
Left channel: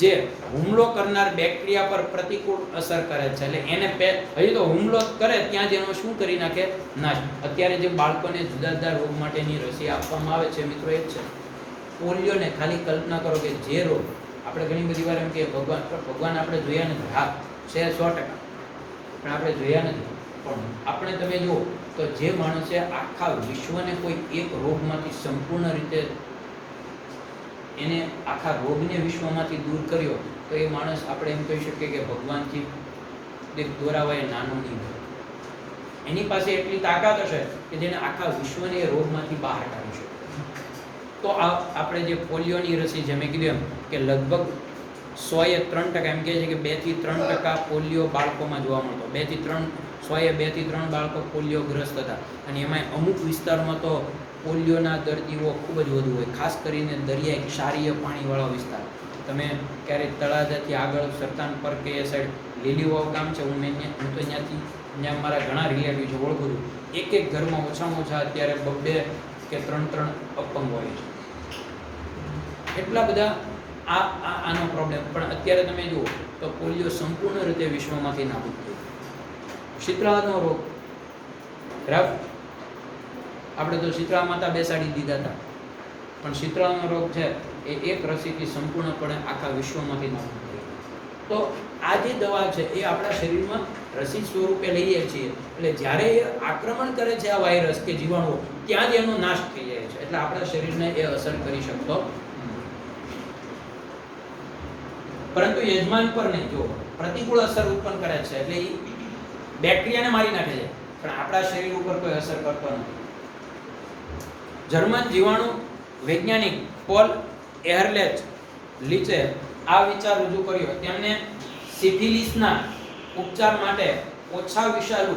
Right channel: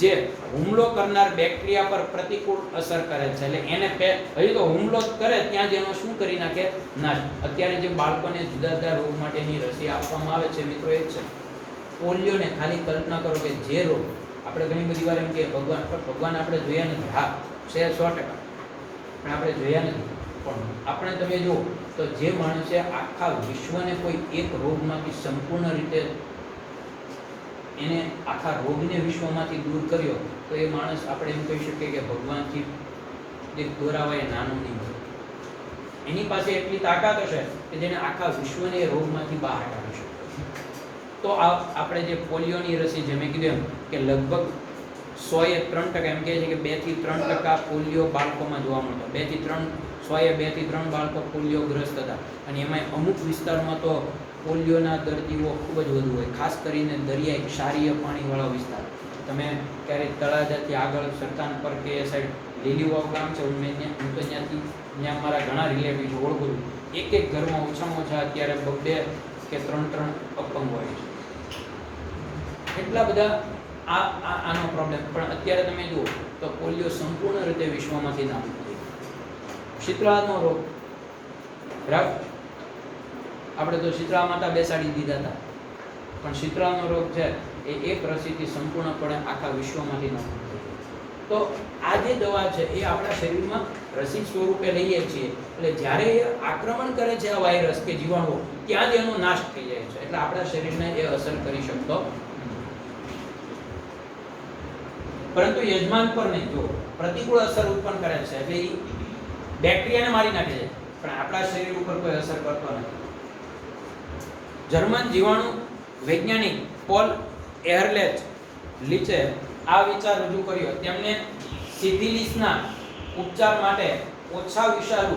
જે હુમલો કરનાર બેક્ટેરિયા પર પ્રતિકૂળ અસર કરે છે. એટલે એને હજી તો હુમલો કરે ત્યાં જ એનો શું કરી નાખે? નાશ. અત્યારે જે બાળકોને જુદા જુદા રોગ માટેની રસી આપવામાં આવે છે મિત્રો એ જ છે. પોલિયોને ખાલી કલ્પના કરો કે જે રોગ આપણે ઘણી બધી વાર એમ કે ભગવાન આપણે જોયા નથી. હા છે 100%, પણ આપણે જોયા નથી. પણ આપણે તમે જુઓ તો જે માણસે આખા વિશ્વને કોઈ એક રોગમાંથી સંપૂર્ણ રીતે એને આખા રોગને વિશ્વમાંથી દૂર કર્યો તો એ માણસ આપણે એમ કહી શકીએ કે ભગવાનથી દોરાવાય નાનો નહીં હોય. એની પાસે એટલી તાકાત હશે કે જેને આખા વિશ્વને એ રોગમાંથી બહાર કાઢી શકે. તો આપણે જે પોલિયોની રસી જે મેં કીધું એમ કે લગભગ 100% એમ કહે છે કે 2 થી 3% પોલિયો બાળકોમાં જોવા મળતો. 2 થી 3 બાળકો પોલિયોગ્રસ્ત હતા. અને એમાં અમુક વિસ્તારમાં તો પોલિયોના દર્દીઓ ખૂબ જ વધુ હોય, ખાસ કરીને દરિયાઈ ક્ષારીય પાણીવાળા વિસ્તાર. તમે ક્યારેક તળાજાથી આગળ સરતાન પર કે એ સાઈડ લીલીવાવ ગામ છે, હું તો ત્યાં મારા ઘણા રિલેટિવ છે, ઓળખું છું. એક ઘરમાં ઓછામાં ઓછા અત્યારે 2 કે 3 અપંગ હોય છે. એટલા બધા આનો પ્રોબ્લેમ. પણ અત્યારે તમે જુઓ તો પોલિયો સંપૂર્ણ રીતે વિશ્વમાંથી નાબૂદ થઈ ગયો. શીતળાનો રોગ, બરાબર, આપણે તો શીતળા માતા બેસાડી દીધા હતા, પણ શીતળાનો રોગ છે એ એક રસીથી સંપૂર્ણપણે આખા વિશ્વમાંથી નાબૂદ થઈ ગયો. તો આ જે દવા છે એ આપણા શરીરમાં રસી સ્વરૂપે લઈએ છીએ એટલે જ્યારે એ આક્રમણ કરે છે આ વાયરસ કે જીવાણુ, ત્યાં જ એનો નાશ થઈ જાય છે. એટલે આપણા શરીરને એ અસર કરી શકતો. પરંતુ યજમાન પર નહીં. જો પ્રતિકૂળ અસર ઉત્પન્ન કરે છે એટલે એ બેક્ટેરિયાને મારી નાખે છે, પણ આપણા શરીર ઉપર કોઈ અસર કરતો નથી. જર્મન જીવાણુ વૈજ્ઞાનિક પોલ એહરલેચ-લીચે આ વિચાર રજૂ કર્યો. તેમણે સિફિલિસના ઉપચાર માટે ઓછા વિષાણુ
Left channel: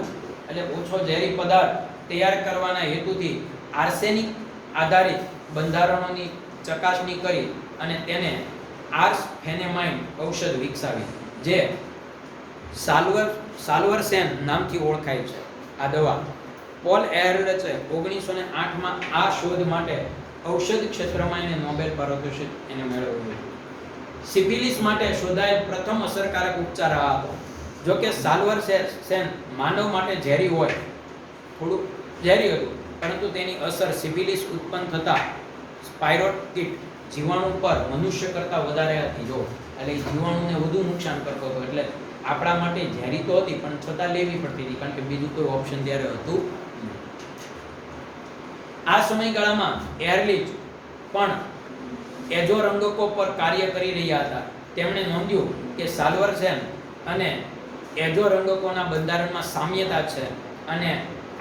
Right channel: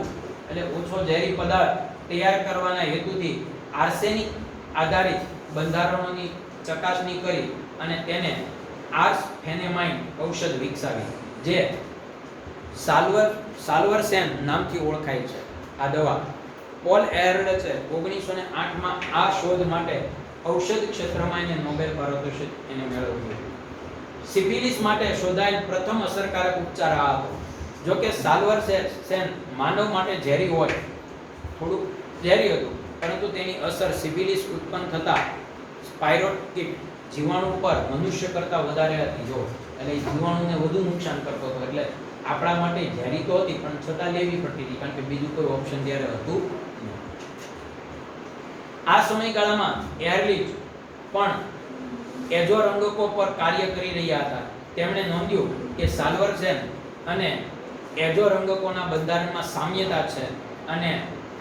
એટલે ઓછો ઝેરી પદાર્થ તૈયાર કરવાના હેતુથી આર્સેનિક આધારિત બંધારણોની ચકાસણી કરી અને તેને આર્સફેનેમાઇન ઔષધ વિકસાવી, જે સાલ્વરસેન નામથી ઓળખાય છે. આ દવા પોલ એહરલેચે 1908માં આ શોધ માટે ઔષધ ક્ષેત્રમાં એને નોબેલ પારિતોષિક એને મેળવ્યું. સિફિલિસ માટે શોધાયેલ પ્રથમ અસરકારક ઉપચાર આ હતો. જો કે સાલ્વરસેન માનવ માટે ઝેરી હોય, થોડું ઝેરી હતું, પરંતુ તેની અસર સિફિલિસ ઉત્પન્ન થતા સ્પાયરોકિટ જીવાણુ પર મનુષ્ય કરતાં વધારે હતી. જો એટલે જીવાણુને વધુ નુકસાન કરતો હતો, એટલે આપણા માટે ઝેરી તો હતી પણ છતાં લેવી પડતી હતી, કારણ કે બીજું કોઈ ઓપ્શન ત્યારે હતું નહીં. આ સમયગાળામાં એરલિચ પણ એજોરંગકો પર કાર્ય કરી રહ્યા હતા. તેમણે નોંધ્યું કે સાલ્વરસેન અને એજોરંગકોના બંધારણમાં સામ્યતા છે અને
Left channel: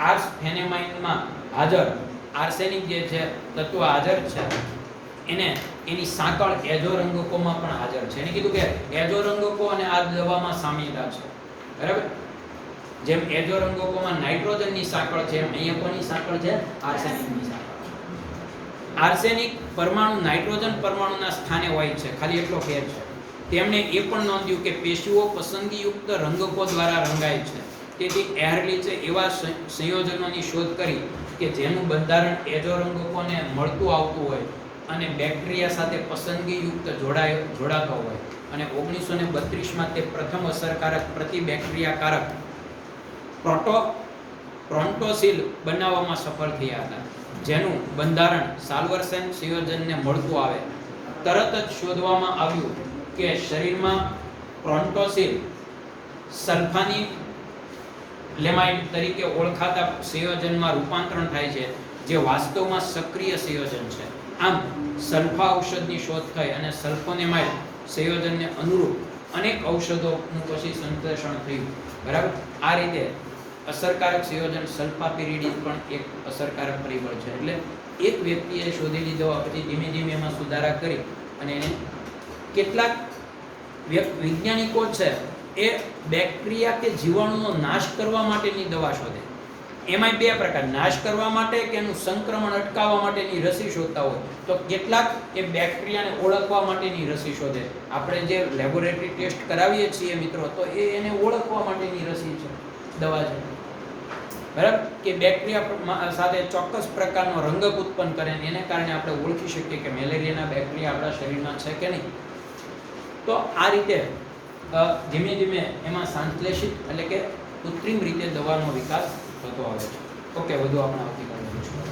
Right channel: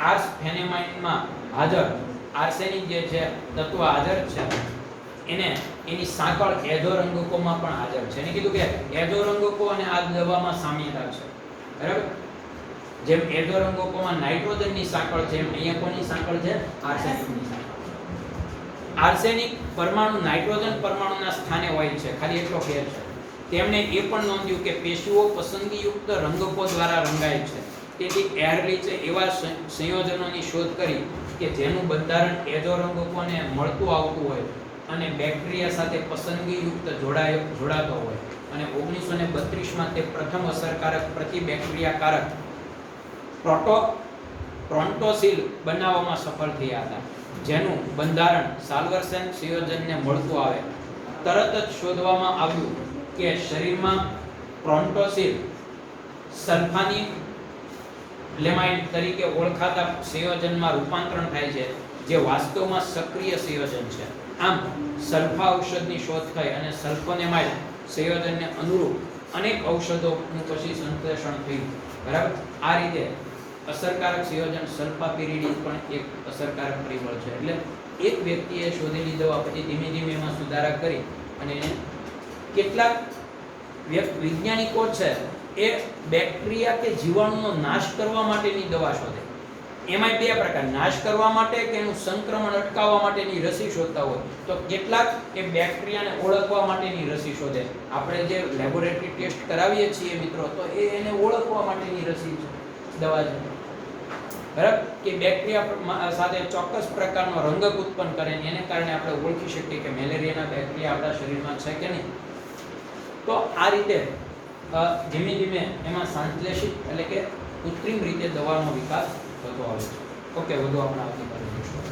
આર્સ ફેનેમાઇનમાં હાજર આર્સેનિક જે છે તત્વ હાજર છે, એની સાંકળ એજોરંગકોમાં પણ હાજર છે. એને કીધું કે એજોરંગકો અને આ દવામાં સામ્યતા છે, બરાબર. જેમ એજોરંગકોમાં નાઇટ્રોજનની સાંકળ છે, એમ અહીંયા કોની સાંકળ છે? આર્સેનિકની સાંકળ. આર્સેનિક પરમાણુ નાઇટ્રોજન પરમાણુના સ્થાને હોય છે, ખાલી એટલો ફેર છે. તેમણે એ પણ નોંધ્યું કે પેશીઓ પસંદગીયુક્ત રંગકો દ્વારા રંગાય છે. તેથી એરલિચે એવા સંયોજનોની શોધ કરી કે જેનું બંધારણ એજોરંગકોને મળતું આવતું હોય અને બેક્ટેરિયા સાથે પસંદગીયુક્ત જોડાતો હોય. અને 1932માં તે પ્રથમ અસરકારક પ્રતિબેક્ટેરિયાકારક પ્રોન્ટોસીલ બનાવવામાં સફળ થયા હતા, જેનું બંધારણ સાલ્વરસેન સંયોજનને મળતું આવે. તરત જ શોધવામાં આવ્યું કે શરીરમાં પ્રોન્ટોસીલ સલ્ફાની લેમાઇડ તરીકે ઓળખાતા સંયોજનમાં રૂપાંતરણ થાય છે, જે વાસ્તવમાં સક્રિય સંયોજન છે. આમ સલ્ફા ઔષધની શોધ થઈ અને સલ્ફોનેમાઇડ સંયોજનને અનુરૂપ અનેક ઔષધોનું પછી સંશ્લેષણ થયું, બરાબર. આ રીતે અસરકારક સંયોજન સલ્ફાપિરિડિન પણ એક અસરકારક પરિબળ છે. એટલે એક વ્યક્તિએ શોધેલી દવા પછી ધીમે ધીમે એમાં સુધારા કરી અને કેટલાક વૈજ્ઞાનિકો છે એ બેક્ટેરિયા કે જીવાણુનો નાશ કરવા માટેની દવા શોધે. એમાં બે પ્રકાર, નાશ કરવા માટે કે એનું સંક્રમણ અટકાવવા માટેની રસી શોધતા હોય, તો કેટલાક એ બેક્ટેરિયાને ઓળખવા માટેની રસી શોધે. આપણે જે લેબોરેટરી ટેસ્ટ કરાવીએ છીએ મિત્રો, તો એને ઓળખવા માટેની રસી છે, દવા છે, બરાબર. કે બેક્ટેરિયા સાથે ચોક્કસ પ્રકારનો રંગક ઉત્પન્ન કરે, એને કારણે આપણે ઓળખી શકીએ કે મેલેરિયાના બેક્ટેરિયા આપણા શરીરમાં છે કે નહીં. તો આ રીતે ધીમે ધીમે એમાં સંશ્લેષિત એટલે કે કૃત્રિમ રીતે દવાનો વિકાસ થતો આવે છે. ઓકે, વધુ આપણે આવતીકાલે જોઈશું.